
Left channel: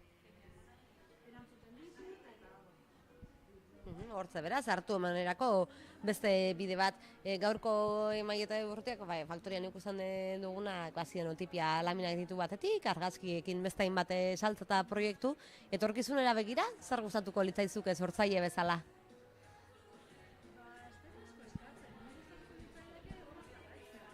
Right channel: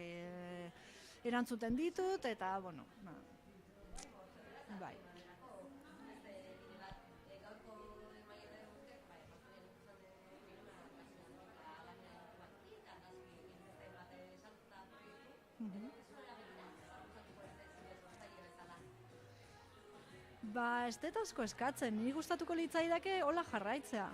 erantzuten ditut, eta, Hortze beraz, hartu emanerako beste bide bat, gaurko Maile Urrutiak, faktorian ikusten duguna, zianotipia laminak ditu batetik, argazkiekin beste hainbat saltza eta proiektu, etorkizunera begira, zer gustatuko litzaizuke sortzaile bezala? Ez dut asko eskatzen, niri gustatuko litzaidake hola jarraitzea.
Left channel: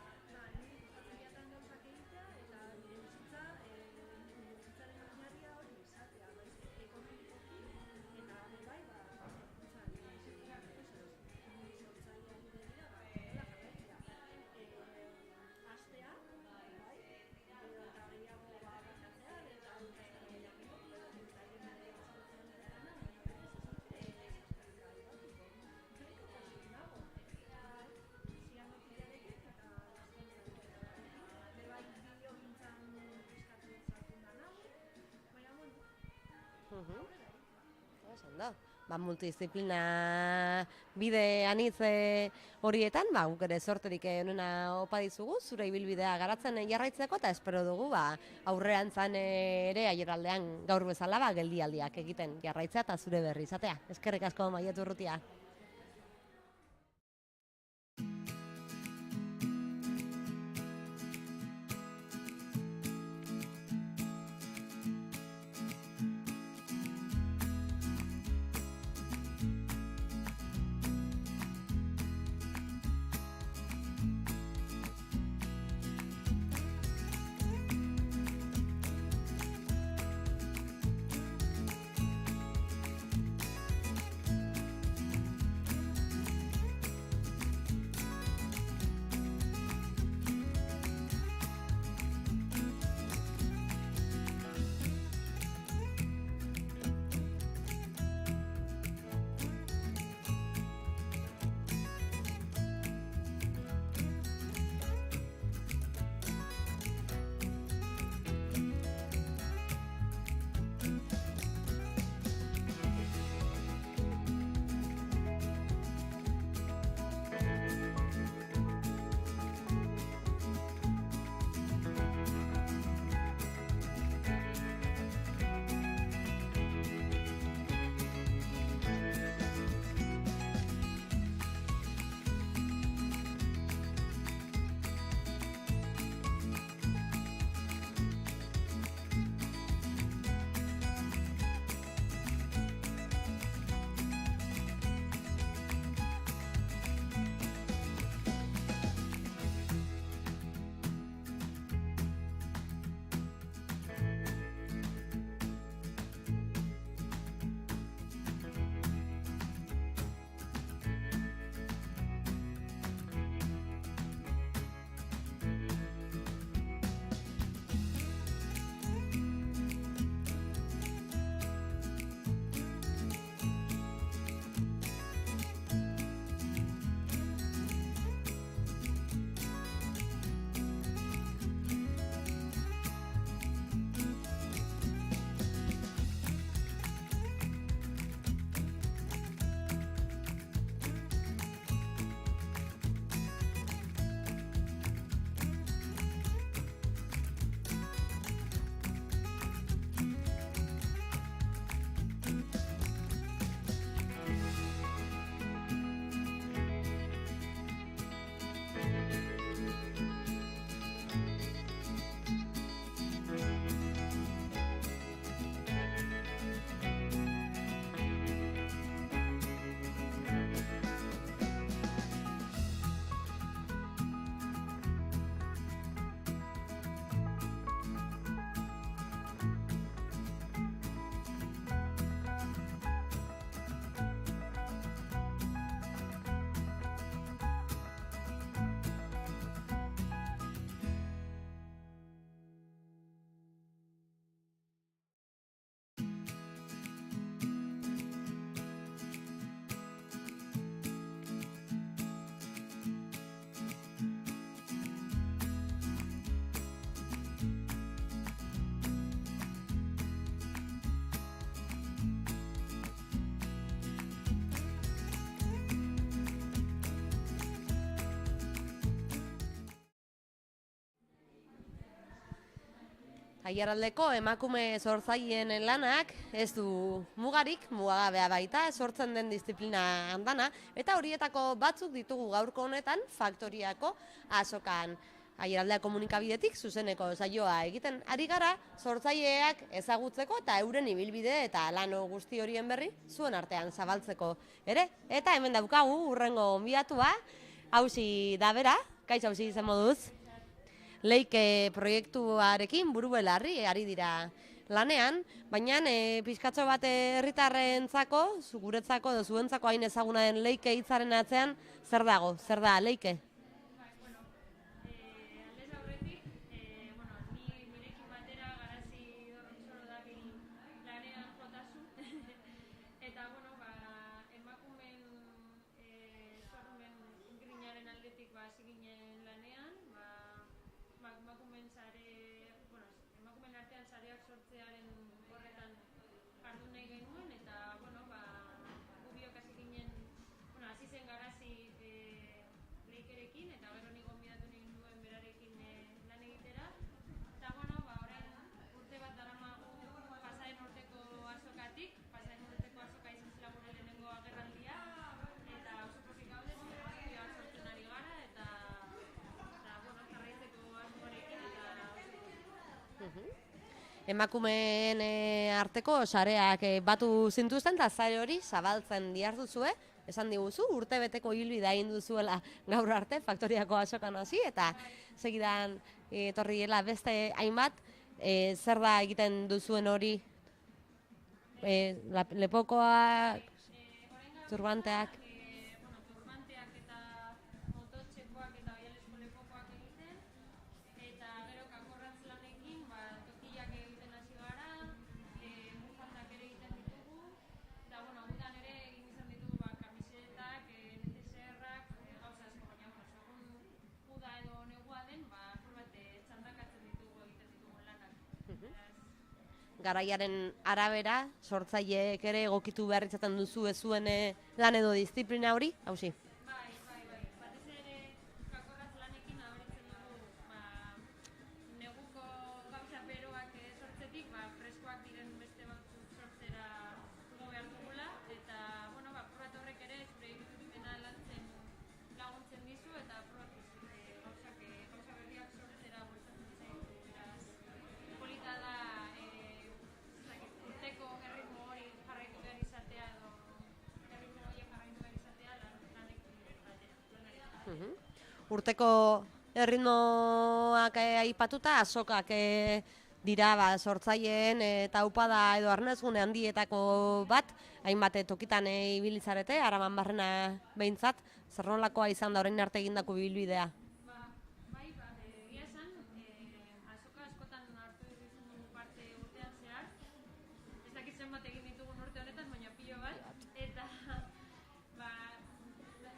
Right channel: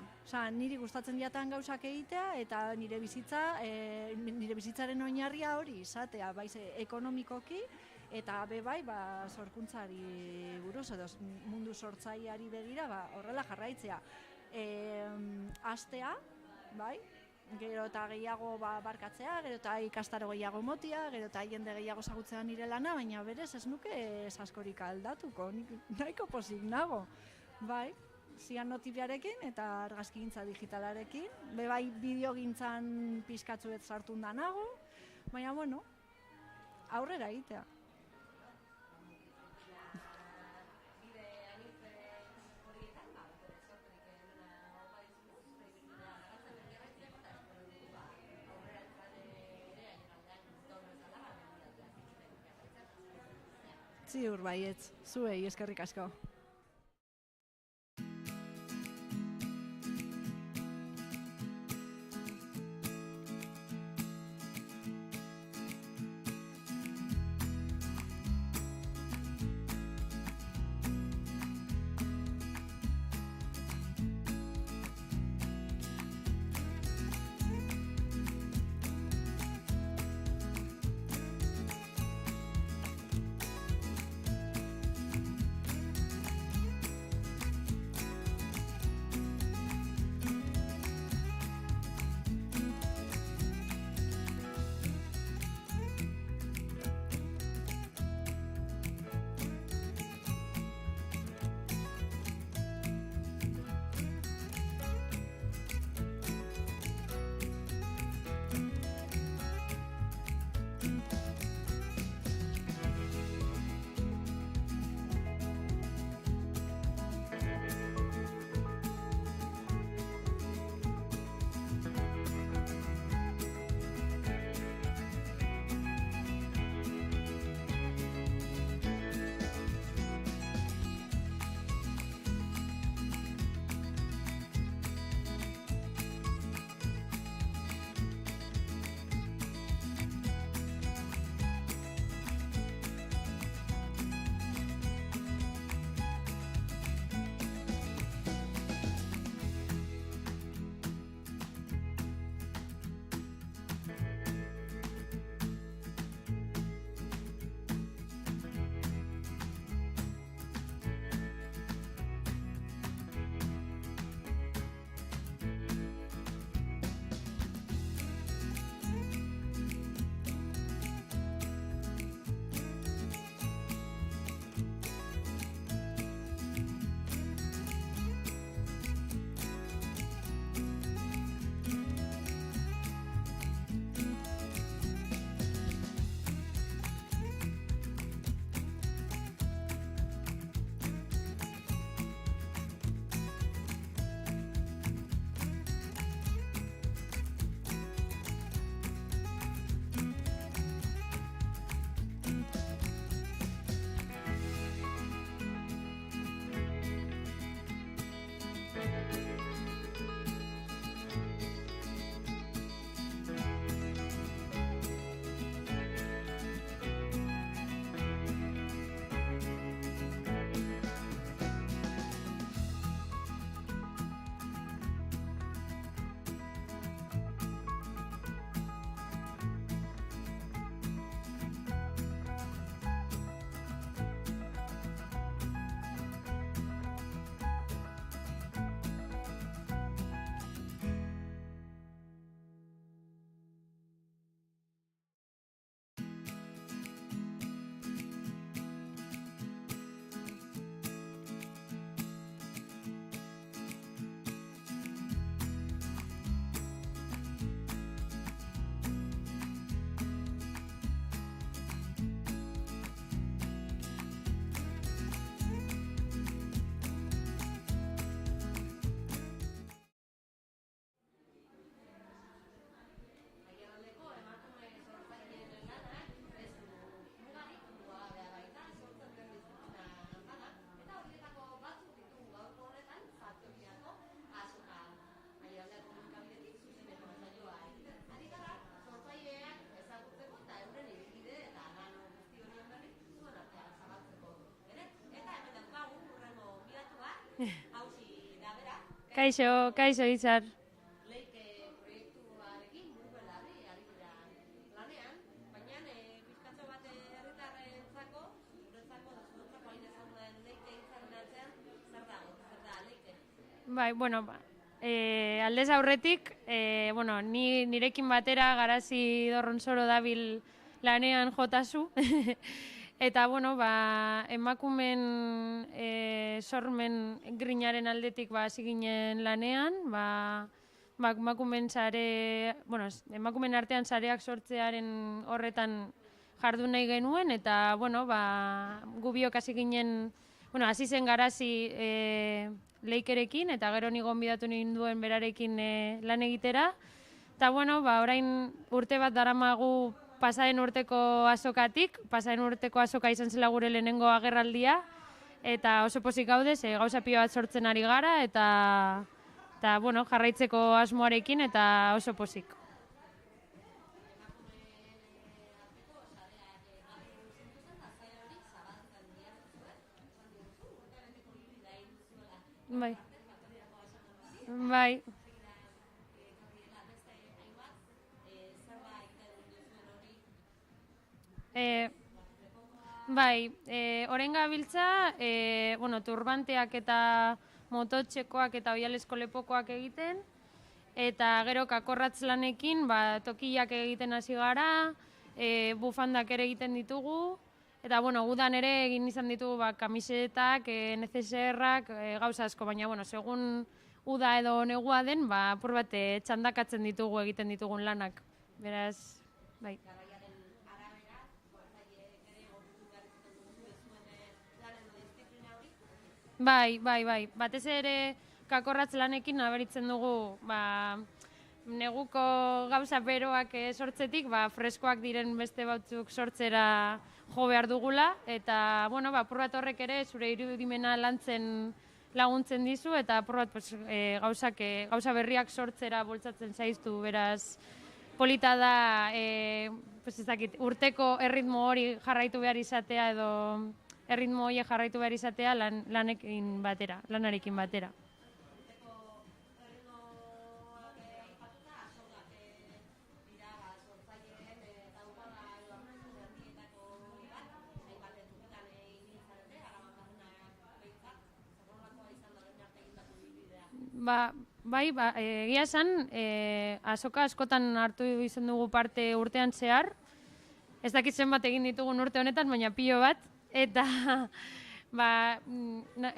Niri gustatzen jatan gauzak egitea eta nire bizitzaren oinarria hori izatea, ekonomikoki eta bai, sorkuntzari buruz edo mundu sortzaileari begira, horrela jarraitzea. Astea, bai, gero eta gehiago barkatzea, gero eta ikastaro gehiago motia, gero eta jende gehiago zagutzea nire lana, baina berez ez nuke askorik aldatuko, nahiko pozik nago, bai, zianotipiarekin eta argazkigintza digitalarekin, bai bideogintzan pizkatzuet sartun da nago, baina aurrera egitea. Multidisziplina bide anitz horietan, guk ere sorterik onena opa dizugu, zure ibilbidea garatzen jarraitzeko, eta espero dugu aurrerantzan ere aieraldean gaur bezala geldialdiak egiten jarraitzea eta zure berri izatea. Eskerrik asko, Maile Urrutia. Zuei, eskerrik asko. Aiaraldeko emakume sortzaileen lanak ez du mugarik, mugagabea baita, sortzen den disiplina handana, eta horietako batzuk ditugu gaurko honetan faktoriako azokan. Aiaraldea komunikabidetik zuzeneko saioa egiten ari gara sortzaileak ezagutzeko eta euren ibilbide eta lan guzti horien berri zuen artean zabaltzeko ere. Eta hemen daukagu urrengo gonbidatua, Hausi da bera. Kaixo, Izar. Leike proiektuarekin buru belarri ari dira lanean, baina pizkatxo bat herritarrentzako, guretzako edo zuentzako hain ezaguna den Leike hitzaren atzean, zer dago? Zer da Leike? Bai, aldez aurretik, nirekin batera Garazi Dorronsoro dabil lanean jotazu, eta emakumen sormen grinaren aldetik hasi ginen lanean, emakumen artean sareak sortzearen horretan jardun nahi genuen, eta gu biok hasi ginen, hasi zen Garazi Leikerekin, eta gero ni gonbidatu ninduen berarekin lan egitera. Eta orain urte bat daramagu pasaren urteko azokatik, pasaren urteko azoka izan zela gure lehenengo agerraldia, eta oso pozik gaude, gauza pilo bat sortzen ari gara, eta jarraitzeko asmoarekin, eta oso pozik. Emakumeen arteko sareak batu zintuzten, eta sare hori zabaltzen diharduzue, esan diguzu, urte beteko hilbidea egin duzuela gaur arte, faktoriako azokan hasi, eta segidan etorriela beste hainbat, zer da egiten duzuen hori? Lepokoa... Horen gabiltza, turbanteak eta mototxekoak eta oialesko lepokoak egiten, eta gero kakorratz lanekin tokiak egiten hasi gara, bufandak ere egiten ditugu, eta udan ere egin izan ditugu kamisetak, NCSR-ak, gauza asko, baina segun uda edo negua den, apur bat txandakatzen ditugu egiten ditugun lanak. Beraz, Garaiaren arabera, sortzaileek ere egokitu behar izaten duzu zuen lan edo disiplina hori, Hausi? Bai. Batez ere kakorratz lanekin nabaritzen dugu neguko gauza beroak sortzetik, freskoak diren beste batzuk sortzera jo behar dugula, eta apur bat horrek ere zure irudimena lantzen laguntzen dizu, eta apur bat gauza berriak sortzera bultzatzen zaiztu, beraz polita da urteko erritmo hori jarraitu behar izatea edo erritmo hori jarraitu behar izatea lanarekin batera. Urteko erritmoak aipatuta, azokak dira sortzaileen eta upada edo arnezgune handietako bat, hainbat tokitan ibilizarete, Araban barrena behintzat, zer nolakoa izan da orain arte egindako ibilbidea? Egia esan, azoka askotan hartu izan dugu parte urtean zehar, ez dakit zenbat egin ditugun urte honetan, baina pilo bat, eta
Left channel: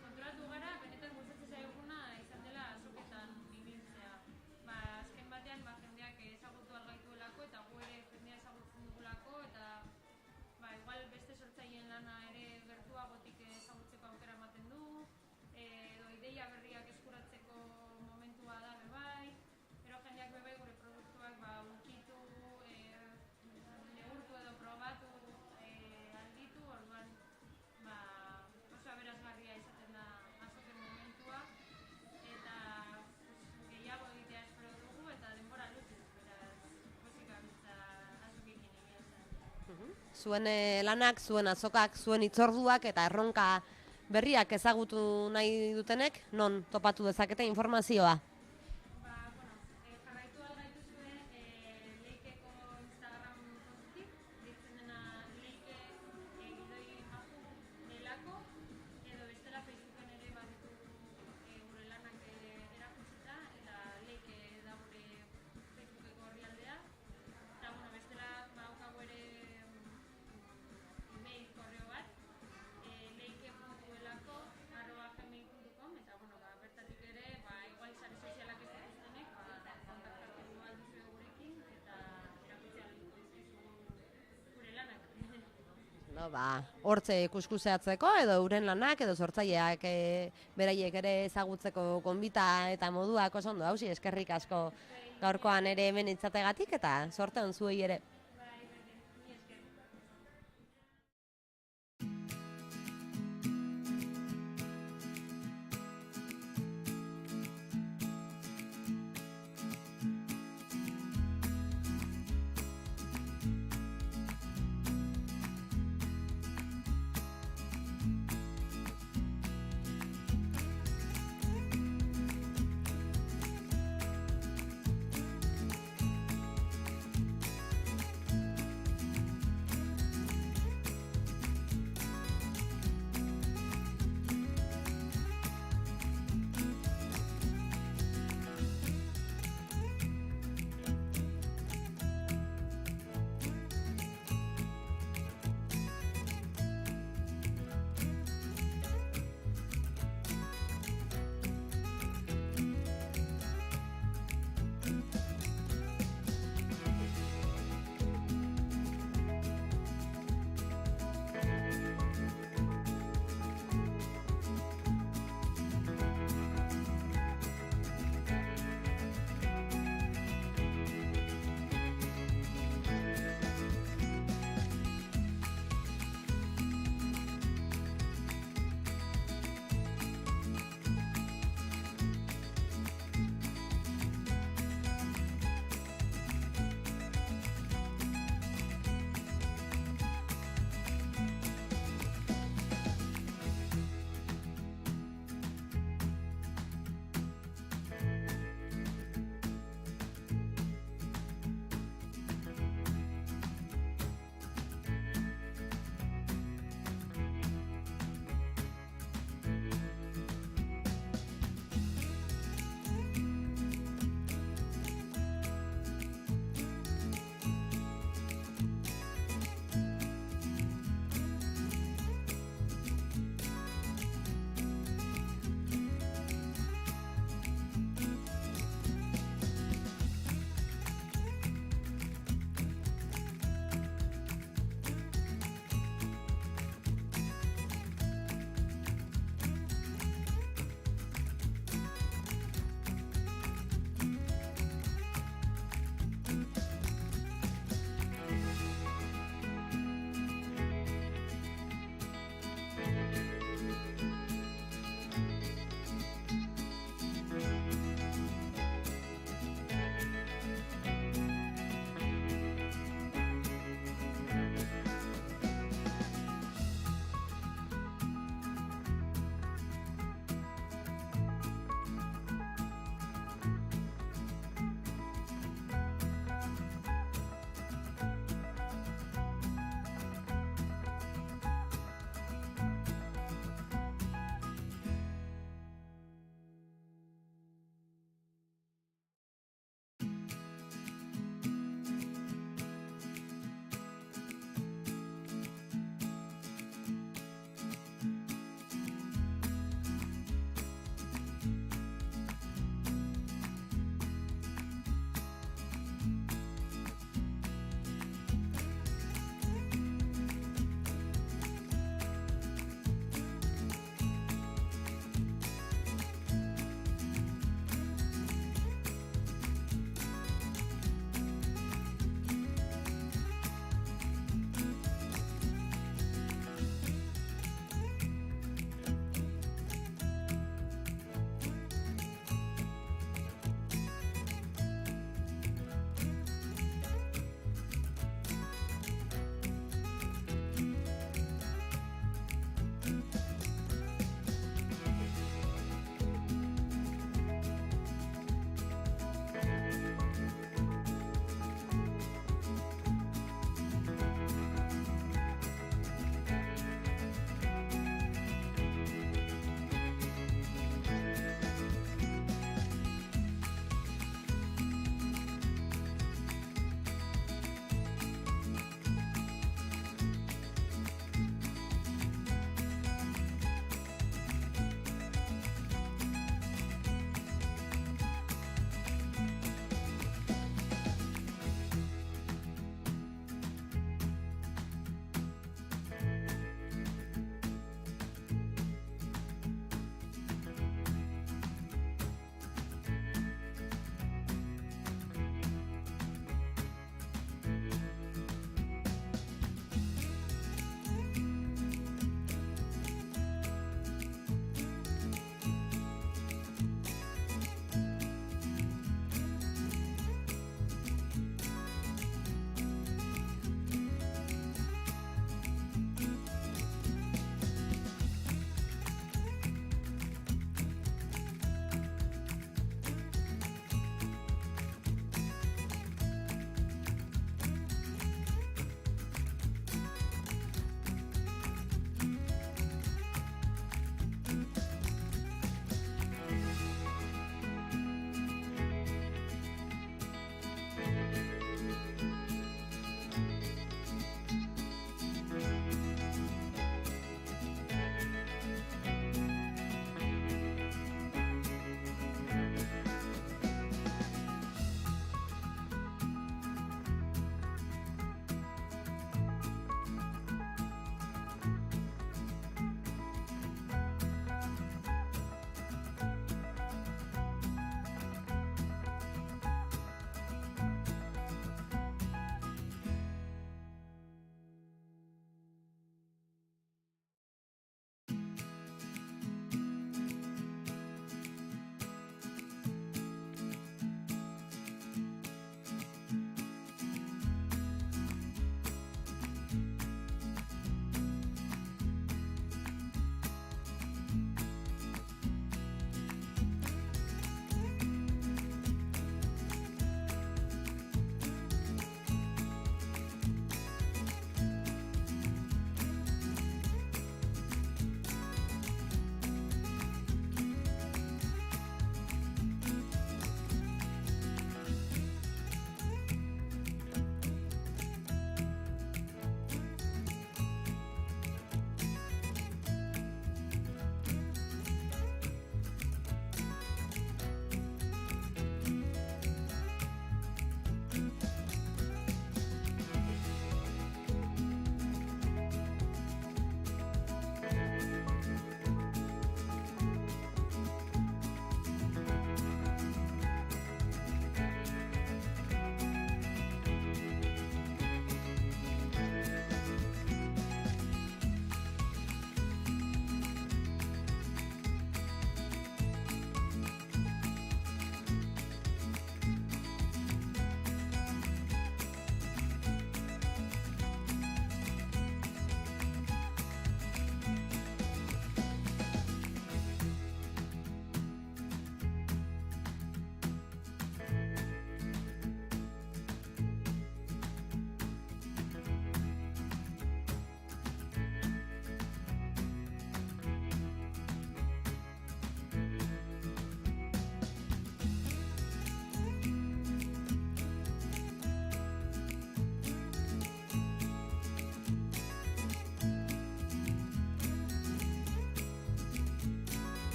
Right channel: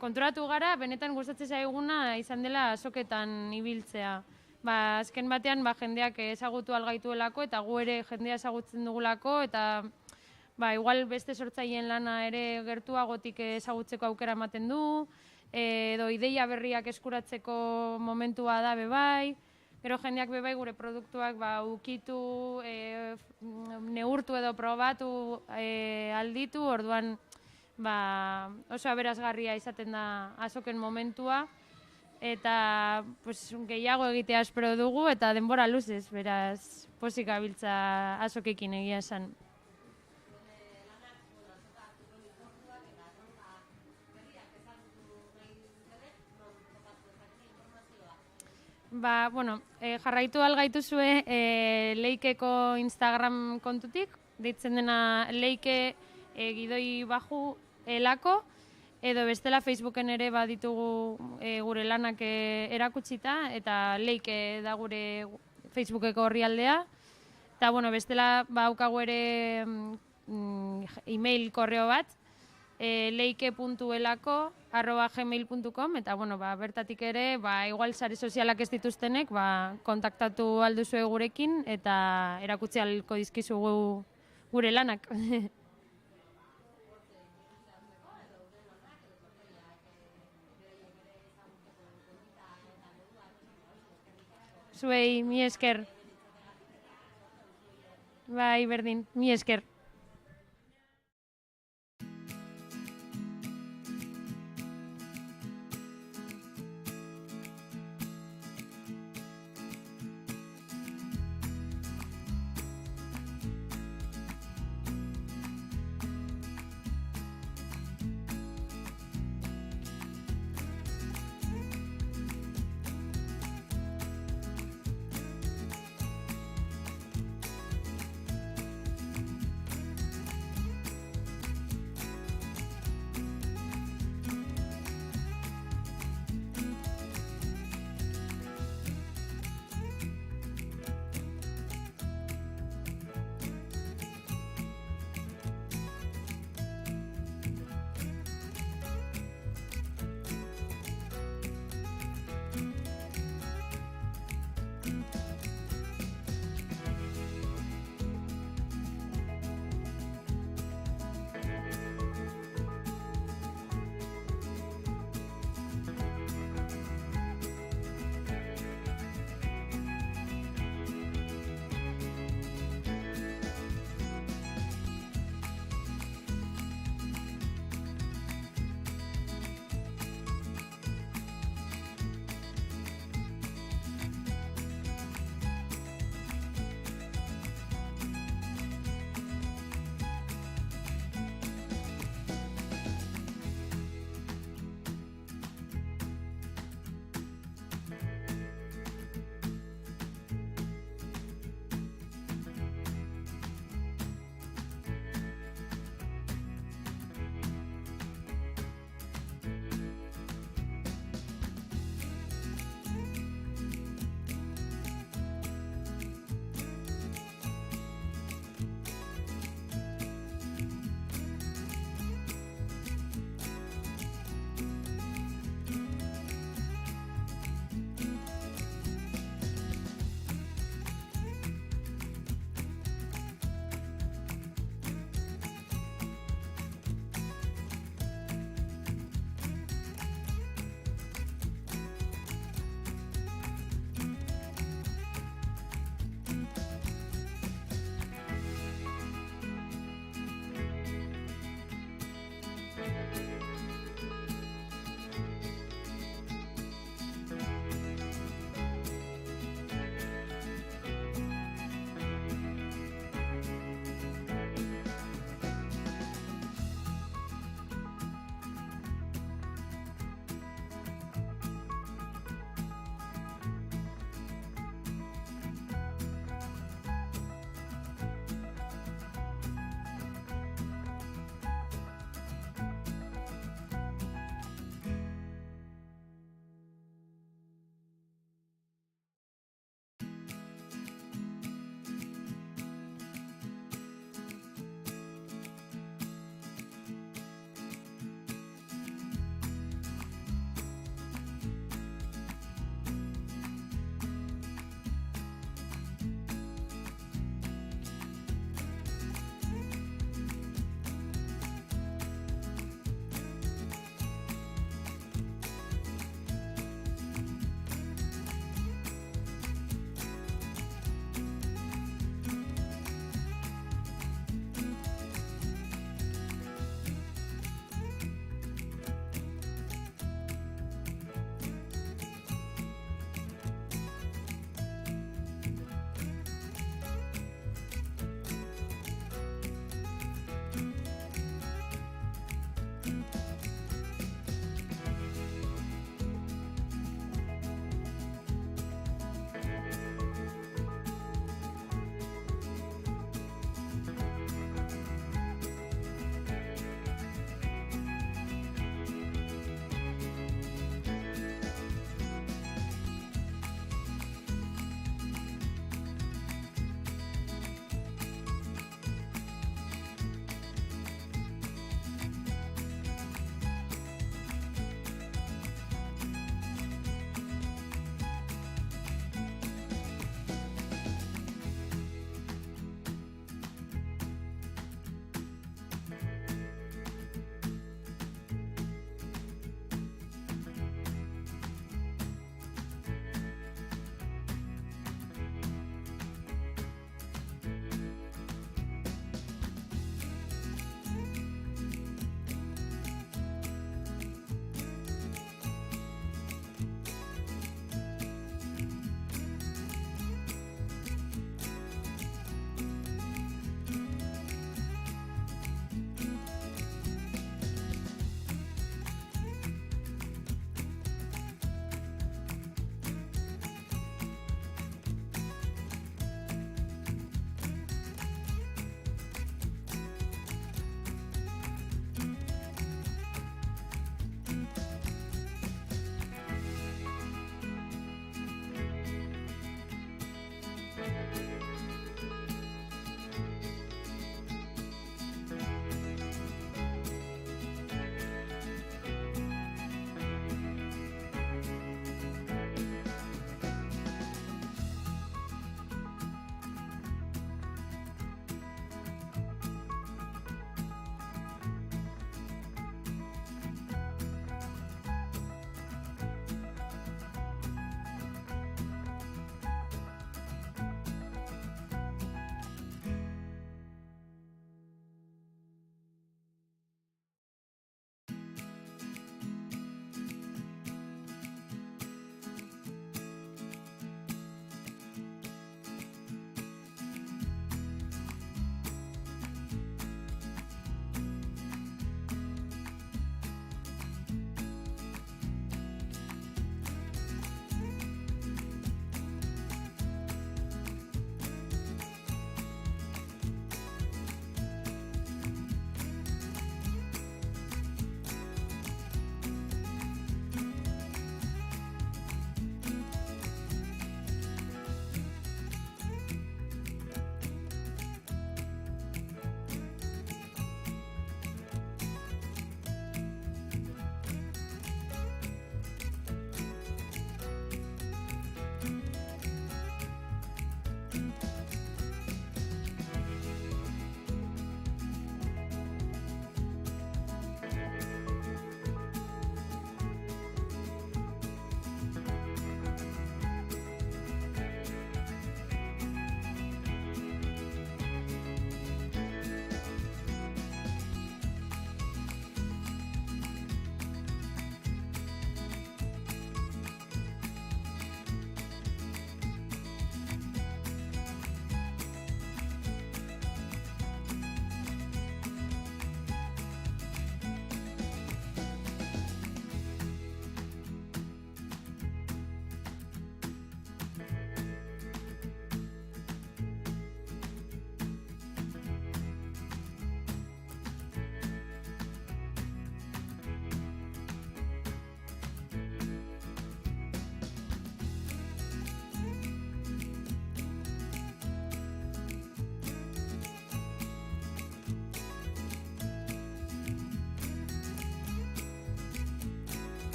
konturatu gara, benetan gustatzen zaiguna izan dela azoketan ibiltzea. Azken batean jendeak ezagutu algaituelako, eta gu ere jendea ezagutzen dugulako, eta igual beste sortzaileen lana ere gertuagotik ezagutzeko aukera ematen du, edo ideia berriak eskuratzeko momentua da bebai, gero jendeak bebai gure produktuak ukitu, neurtu edo probatu alditu, orduan oso aberasgarria izaten da azoken momentua, eta gehiago egitea espero dugu, eta denbora luzez, beraz pozik gabiltza azokekin egia esan. Zuen lanak, zuen azokak, zuen hitzorduak eta erronka berriak ezagutu nahi dutenek, non topatu dezakete informazioa? Jarraitu algaituzue Leikeko Instagram kontutik, deitzen dena Leike gidoi baju elako, edo bestela Facebooken ere baditugu gure lanak erakutsita, eta Leike da gure Facebookeko orrialdea, eta bestela daukagu ere email korreo bat, leike.elako@gmail.com, eta bertatik ere igual sare sozialak ez dituztenek kontaktatu alduzue gurekin eta erakutsi ahalko dizkizugu gure lanak. bueno, hortze kuskuseatzeko edo euren lanak edo sortzaileak beraiek ere ezagutzeko gonbita eta moduak oso ondo hausi, eskerrik asko. Zuei, mi Gaurkoan esker. ere hemen itzategatik eta sorte on zuei ere. Bai, berdin, mi esker.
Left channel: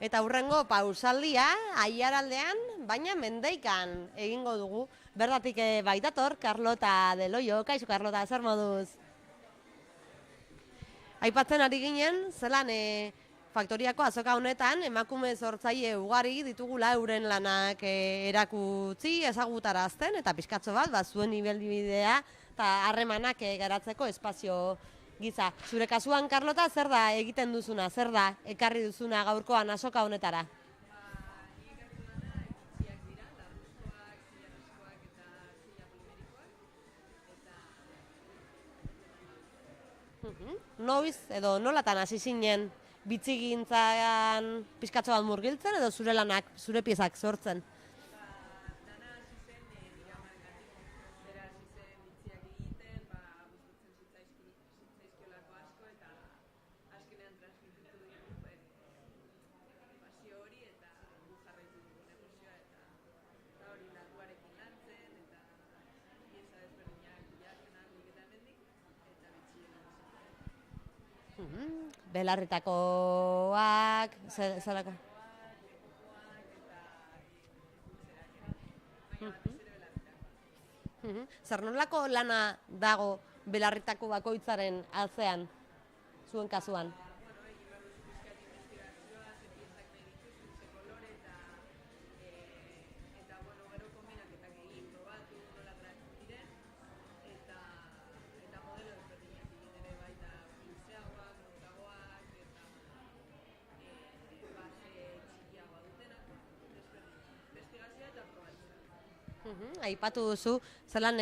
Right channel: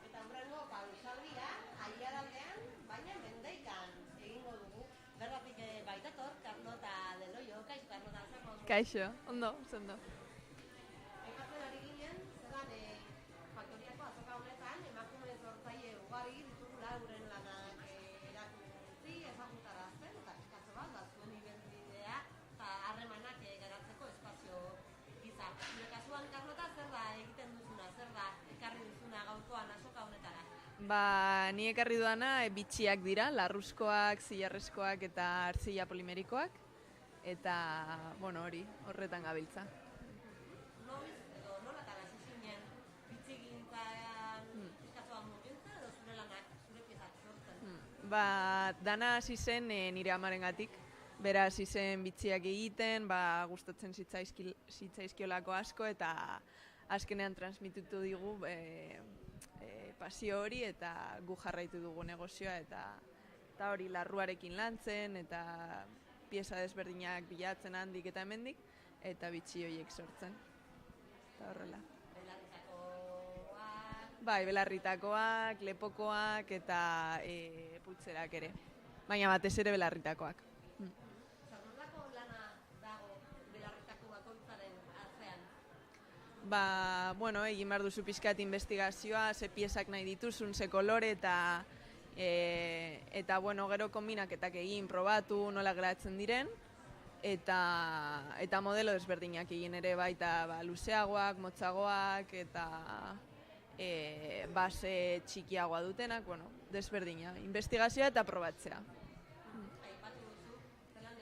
Eta hurrengo pausaldia, Aiaraldean, baina Mendeikan egingo dugu. Bertatik baitator, Carlota de Loio. Kaixo, Carlota, zer moduz? Kaixo, ondo, ondo. Aipatzen ari ginen, zelan faktoriako azoka honetan, emakume sortzaile ugari ditugula euren lanak erakutsi, ezagutarazten, eta pixkatxo bat, zuen ibilbidea eta harremanak garatzeko espazio gisa. Zure kasuan, Carlota, zer da egiten duzuna, zer da ekarri duzuna gaurkoan azoka honetara? Ni ekarri dudana bitxiak dira, larruzkoak, zilarrezkoak eta artzila polimerikoak, eta, horretan gabiltza. Noiz, edo nolatan hasi zinen bitxigintzan pixkatxo bat murgiltzen, edo zure lanak, zure piezak sortzen? Dana hasi zen nire amarengatik. Bera hasi zen bitxiak egiten, gustatzen zitzaizkiolako asko, eta azkenean transmititu digu pasio hori, eta gu jarraitu dugu negozioa, eta hori larruarekin lantzen, eta pieza desberdinak bilatzen handik eta hemendik, eta bitxi horiek sortzen. Belarritakoak... Belarritakoak, lepokoak eta pultzerak ere. Baina batez ere belarritakoak. Zer nolako lana dago belarritako bakoitzaren atzean, zuen kasuan? Egin behar duzu pixkat investigazioa, ze piezak nahi dituzun, ze kolore, eta gero kombinaketak egin, probatu, nola geratzen diren, eta modelo desberdinak egin ere baita luzeagoak, motzagoak, eta base txikiagoa dutenak, desberdina, investigazioa eta probatzea. Aipatu duzu, zelan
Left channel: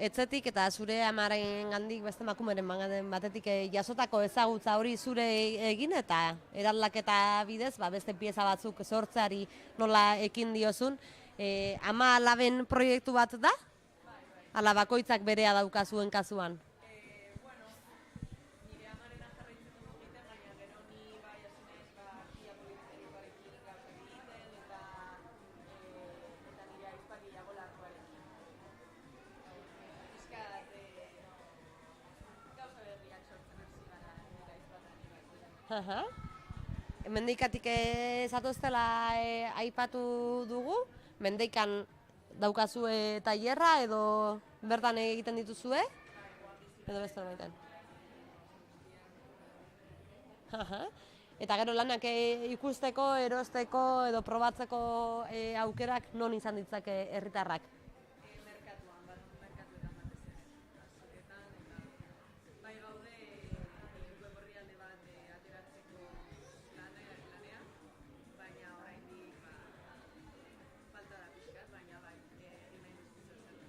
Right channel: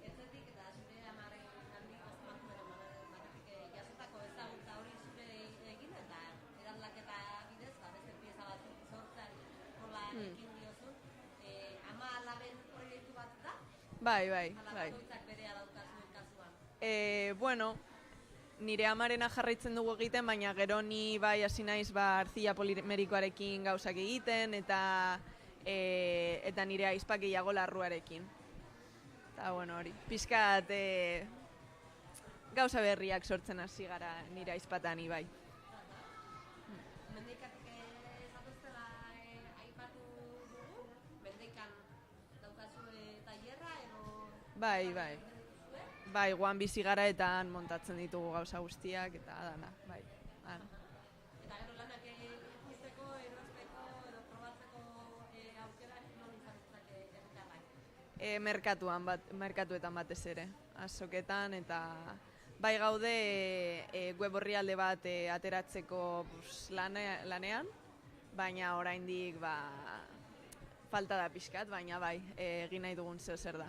etzetik eta zure amaren gandik beste emakumeren batetik jasotako ezagutza hori zure egin eta eraldaketa bidez, beste pieza batzuk sortzeari nola ekin diozun. Ama alaben proiektu bat da? Bai. Ala bakoitzak berea dauka zuen kasuan? Nire amarena jarraitzen dugu egiten, baina gero ni hasi naiz artzila polimerikoarekin gauzak egiten, eta nire aizpak gehiago larruarekin. Eta hori, pixkat gauza berriak sortzen hasi gara nire aizpatan ibai. Mendeikatik zatoztela aipatu dugu, Mendeikan daukazue tailerra edo bertan egiten dituzue? Bai, guan bizi gara eta montatzen ditugu gauza guztiak eta dana, bai. Eta gero lanak ikusteko, erosteko edo probatzeko aukerak non izan ditzake herritarrak? Merkatuetan batez ere, azoketan, eta bai gaude web orrialde bat ateratzeko lanean, baina oraindik falta da pixkat, baina bai, egin nahi dugun zer da.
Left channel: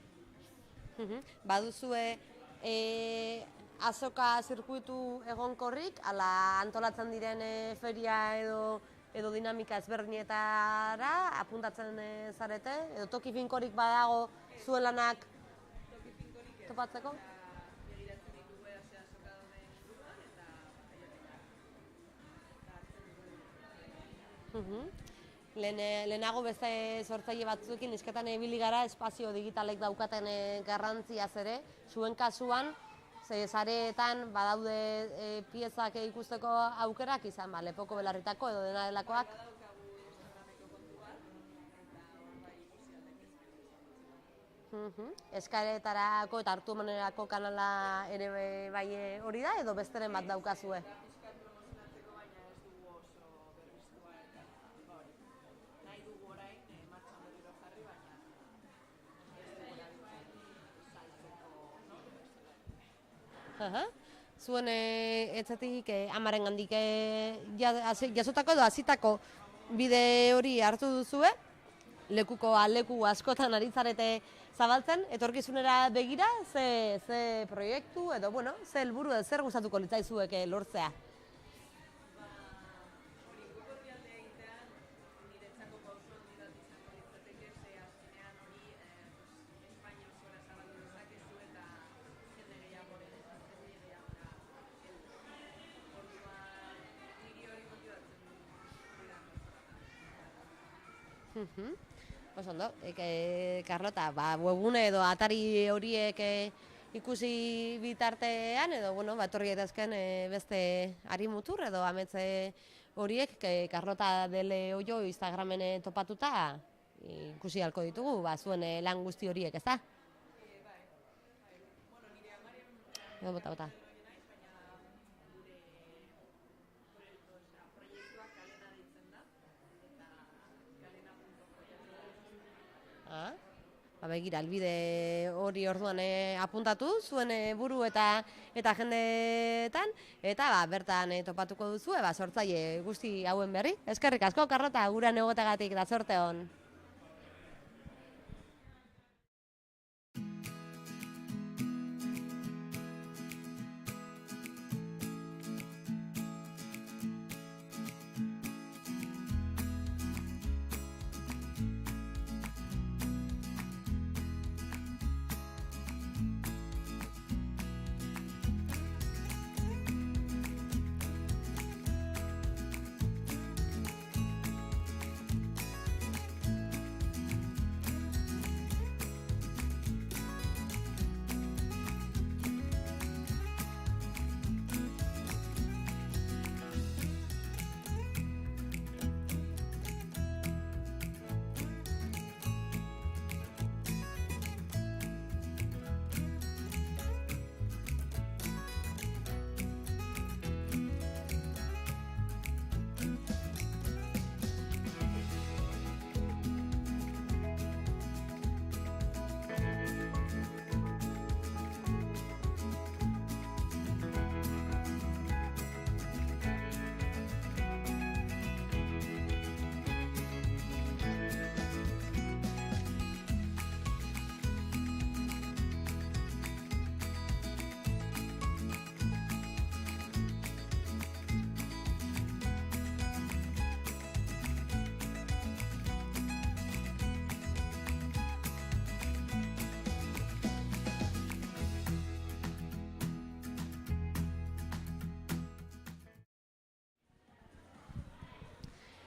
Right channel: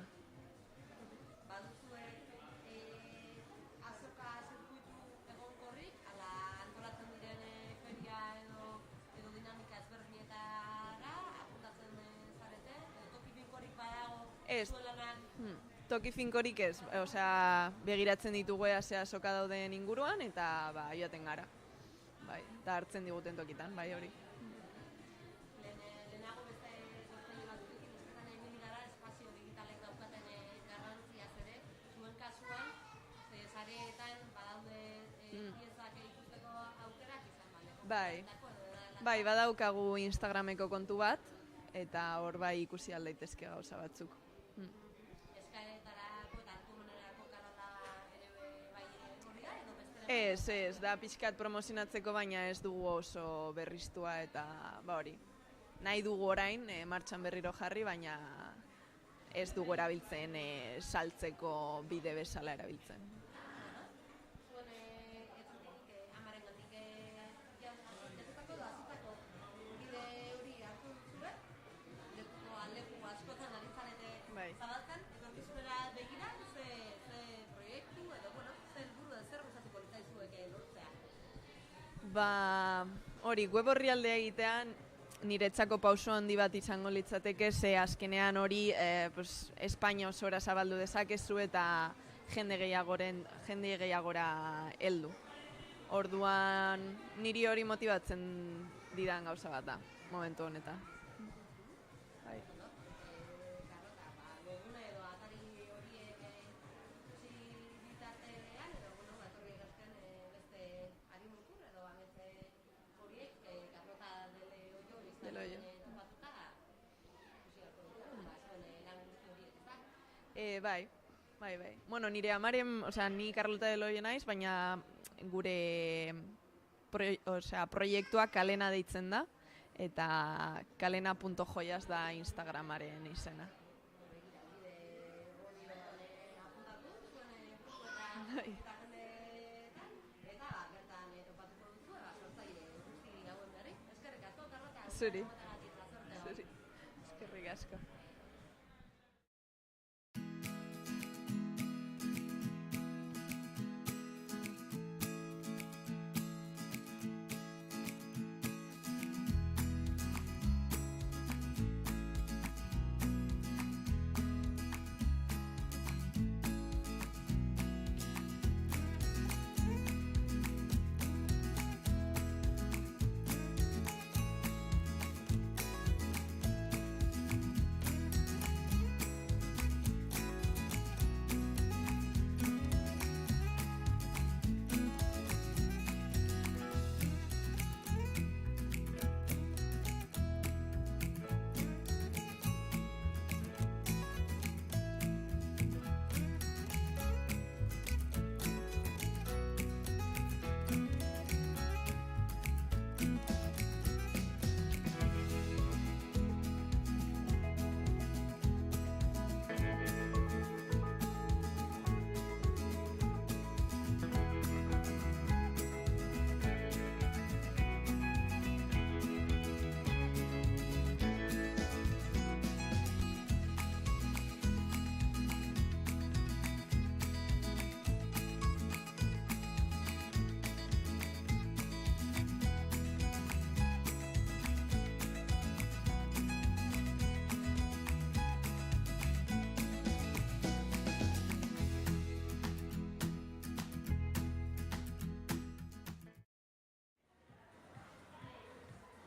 Baduzue azoka zirkuitu egonkorrik, ala antolatzen diren feria edo dinamika ezberdinetara apuntatzen zarete? Edo toki finkorik badago zuen lanak? Toki finkorik ez, begiratzen ditugu ze azoka dauden inguruan eta joaten gara. Eta hartzen diguten tokitan, bai hori. Lehenago beste sortzaile batzuekin isketan ibili gara espazio digitalek daukaten garrantziaz ere, zuen kasuan, sareetan badaude piezak ikusteko aukerak izan, lepoko belarritako edo dena delakoak? Bai, badaukagu Instagrameko kontu bat, eta hor ikusi aldaitezke gauza batzuk. Eskaretarako eta hartu emanerako kanala ere bai hori da, edo besteren bat daukazue? Ez, da pixkat promozionatzeko, baina ez dugu oso berriztua eta hori. Nahi dugu orain, martxan berriro jarri, baina ez dugu erabiltzen saltzeko bide bezala erabiltzen. Zuen etzetik amaren gandik jasotako edo hasitako bide hori hartu duzue, leku askotan ari zarete zabaltzen, etorkizunera begira, ze proiektu edo, ze helburu edo zer gustatuko litzaizuek lortzea? Hori, web orrialdea egitean, niretzako pauso handi bat izango litzateke, ze azkenean hori Espainia osora zabaldu dezakezu eta jende gehiagora heldu. Orduan niri hori motibatzen didan gauza bat da, momentu honetan. Ondo, Carlota, webgune edo atari horiek ikusi bitartean edo, etorri edazken beste ari mutur edo ametze horiek Karlota Dele Oio Instagramen topatuta ikusi halko ditugu, zuen lan guzti horiek, ezta? Bai. Bueno, nire amaren, ni Karlota Dele Oio naiz, baina gure proiektua Kalena deitzen da, eta kalena.joyas da Instagramaren izena. Begira, albide hori orduan apuntatu, zuen buru eta jendeetan, eta bertan topatuko duzu, sortzaile guzti hauen berri. Eskerrik asko, Karlota, guran egotegatik da zorte hon. Eskerrik asko.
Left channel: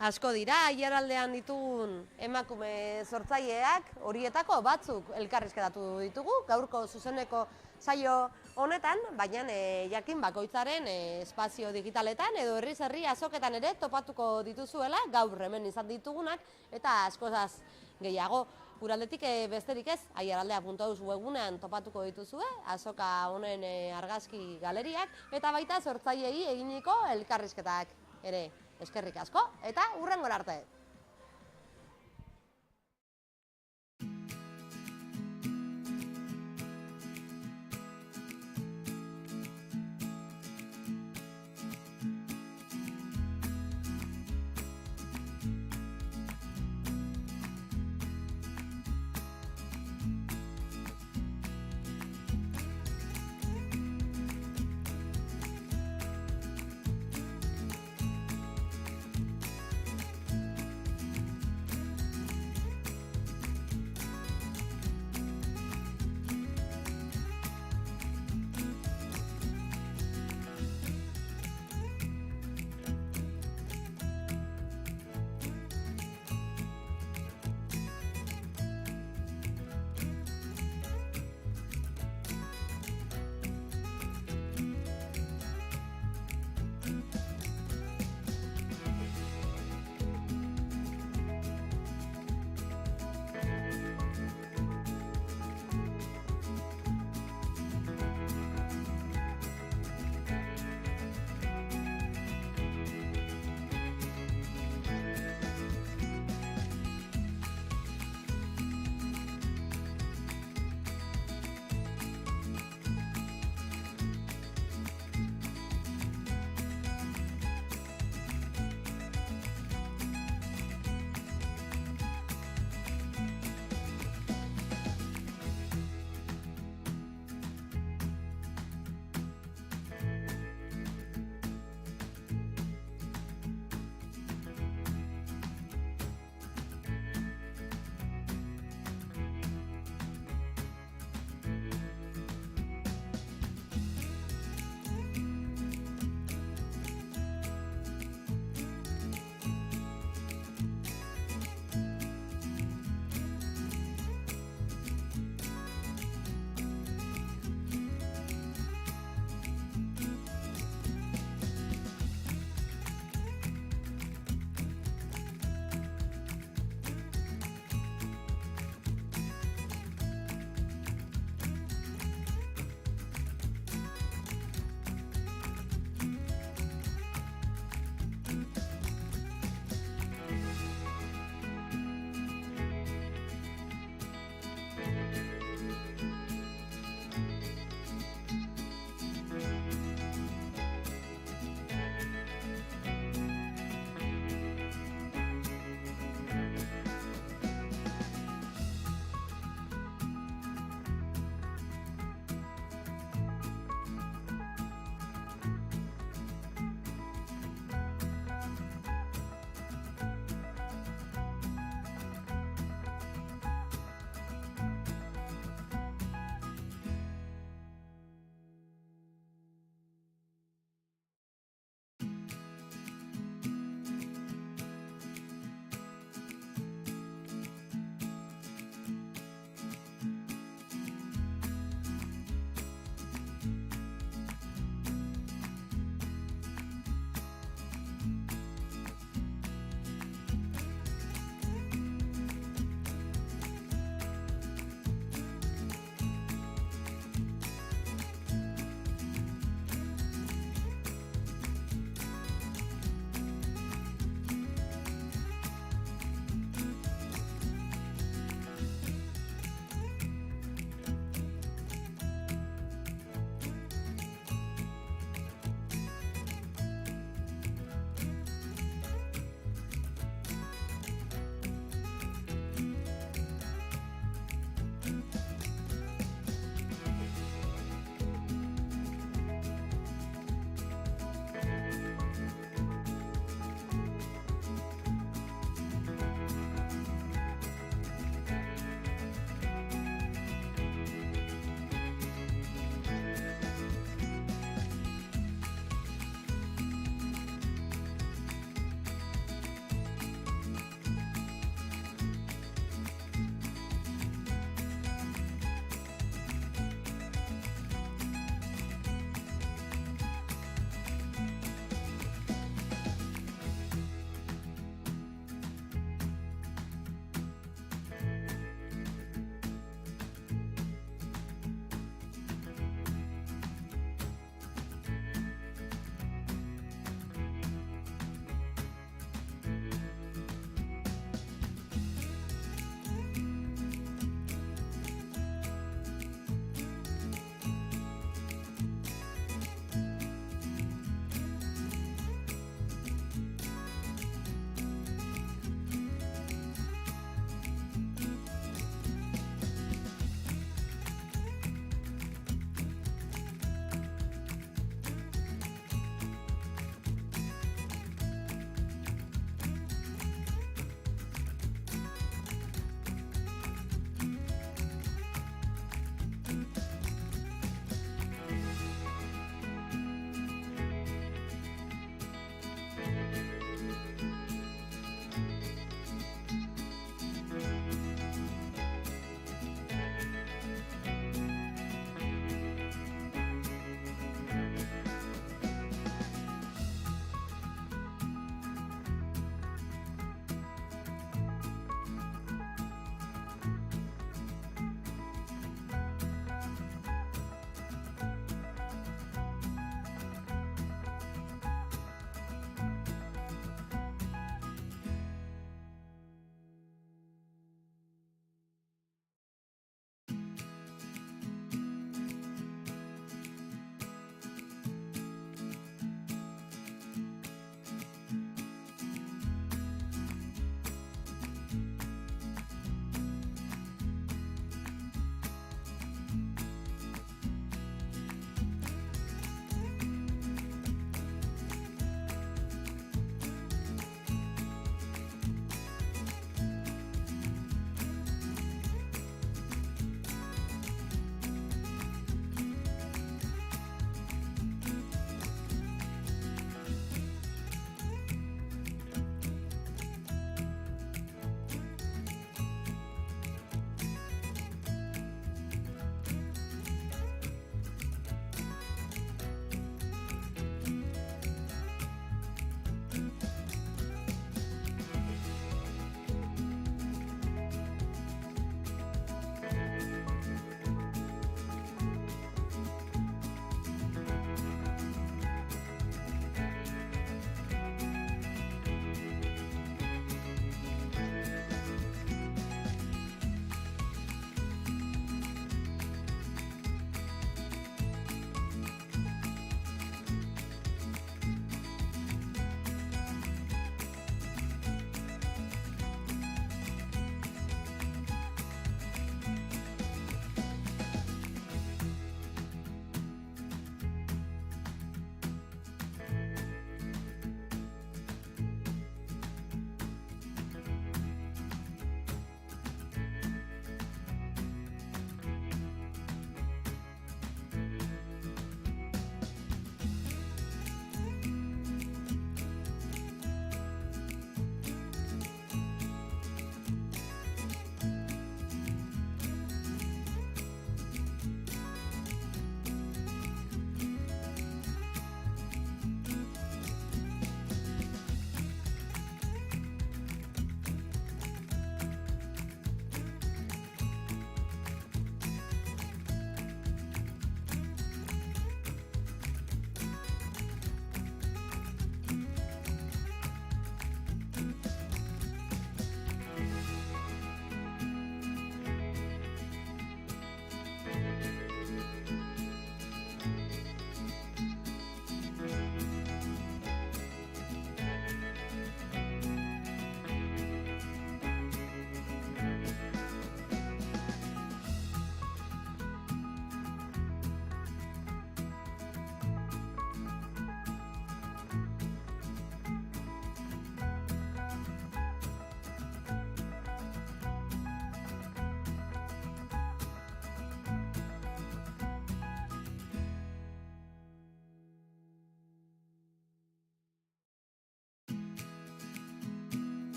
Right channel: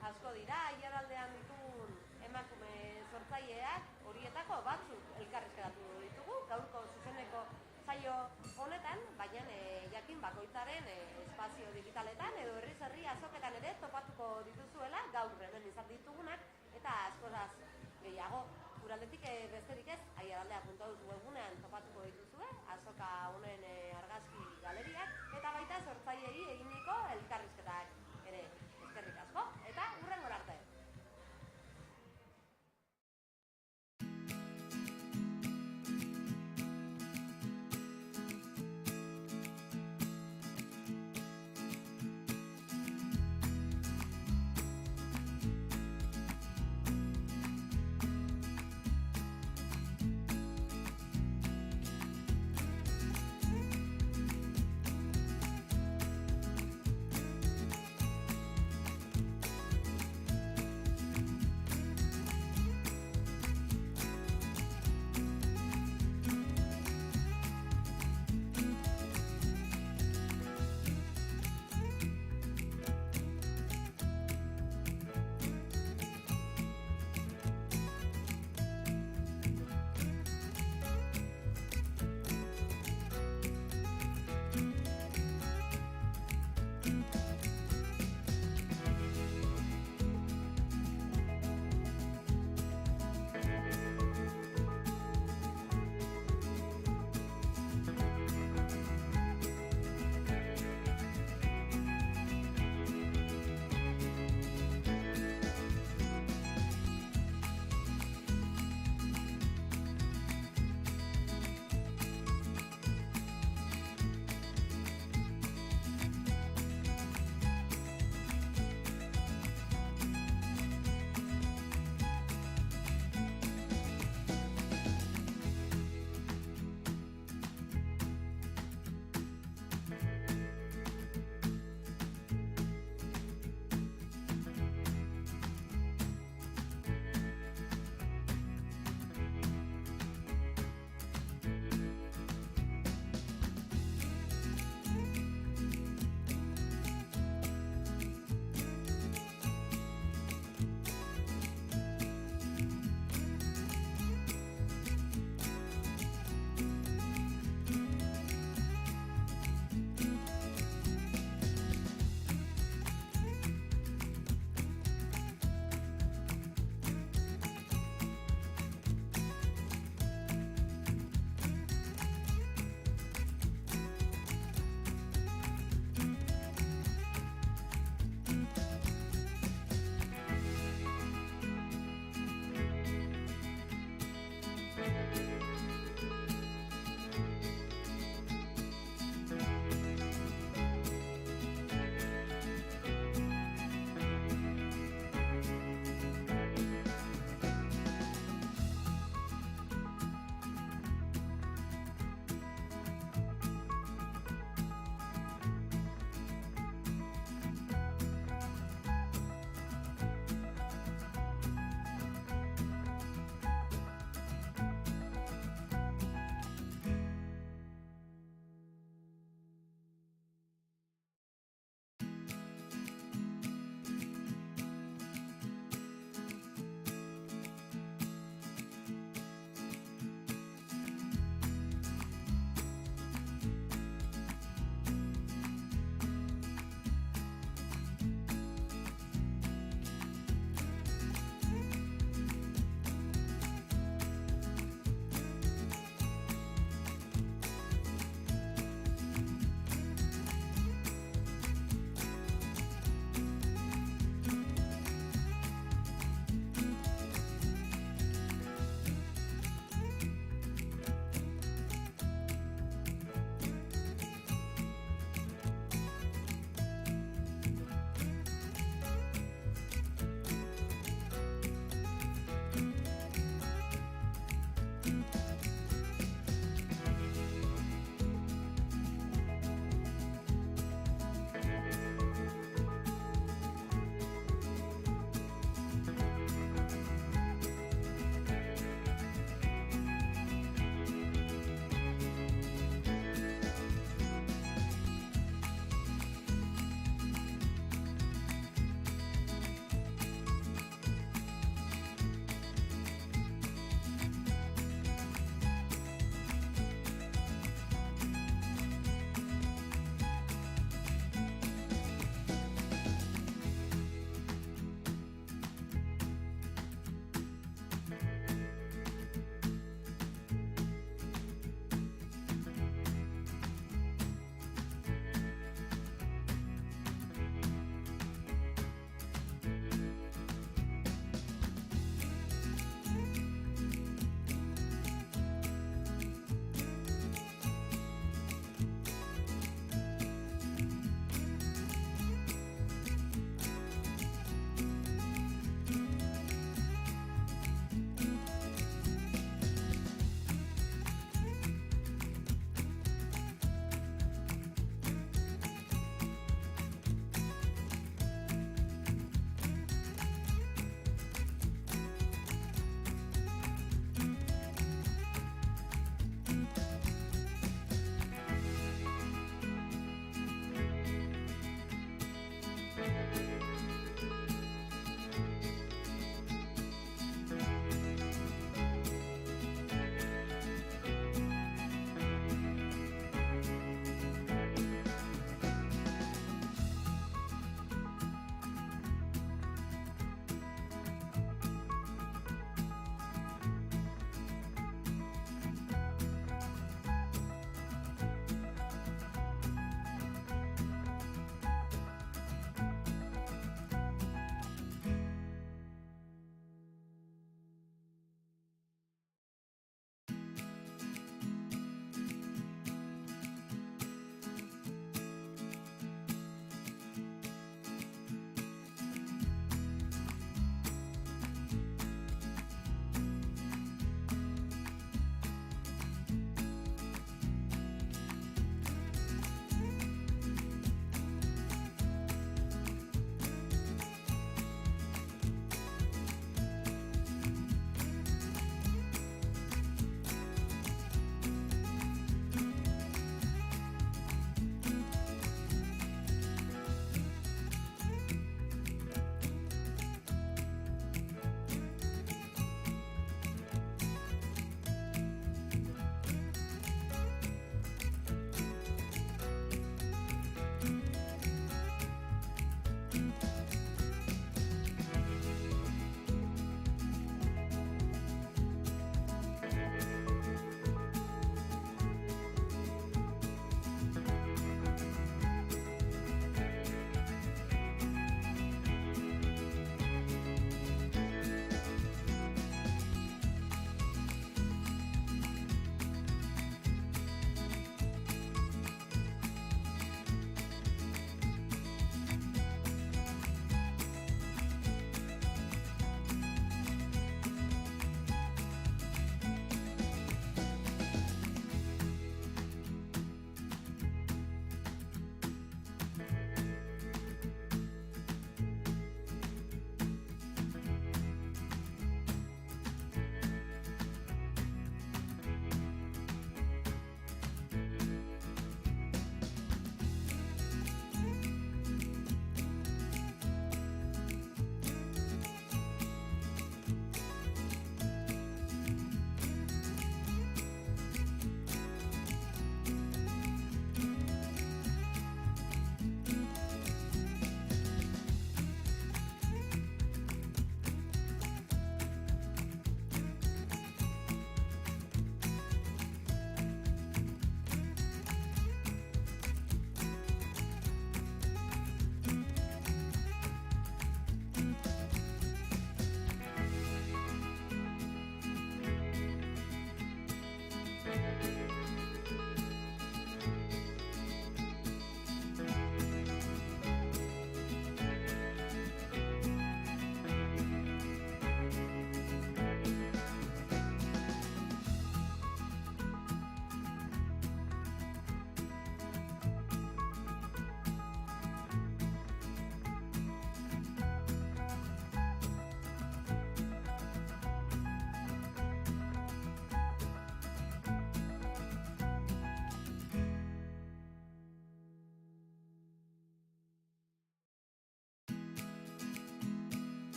Asko dira, aiaraldean ditugun emakume sortzaileak, horietako batzuk elkarrizketatu ditugu, gaurko zuzeneko saio honetan, baina jakin bakoitzaren espazio digitaletan edo herri azoketan ere topatuko dituzuela, gaur hemen izan ditugunak, eta askozaz gehiago. Guraldetik besterik ez, aiaraldea.eus webunean topatuko dituzue, azoka honen argazki galeriak, eta baita sortzaileei eginiko elkarrizketak ere. Eskerrik asko, eta hurrengora arte!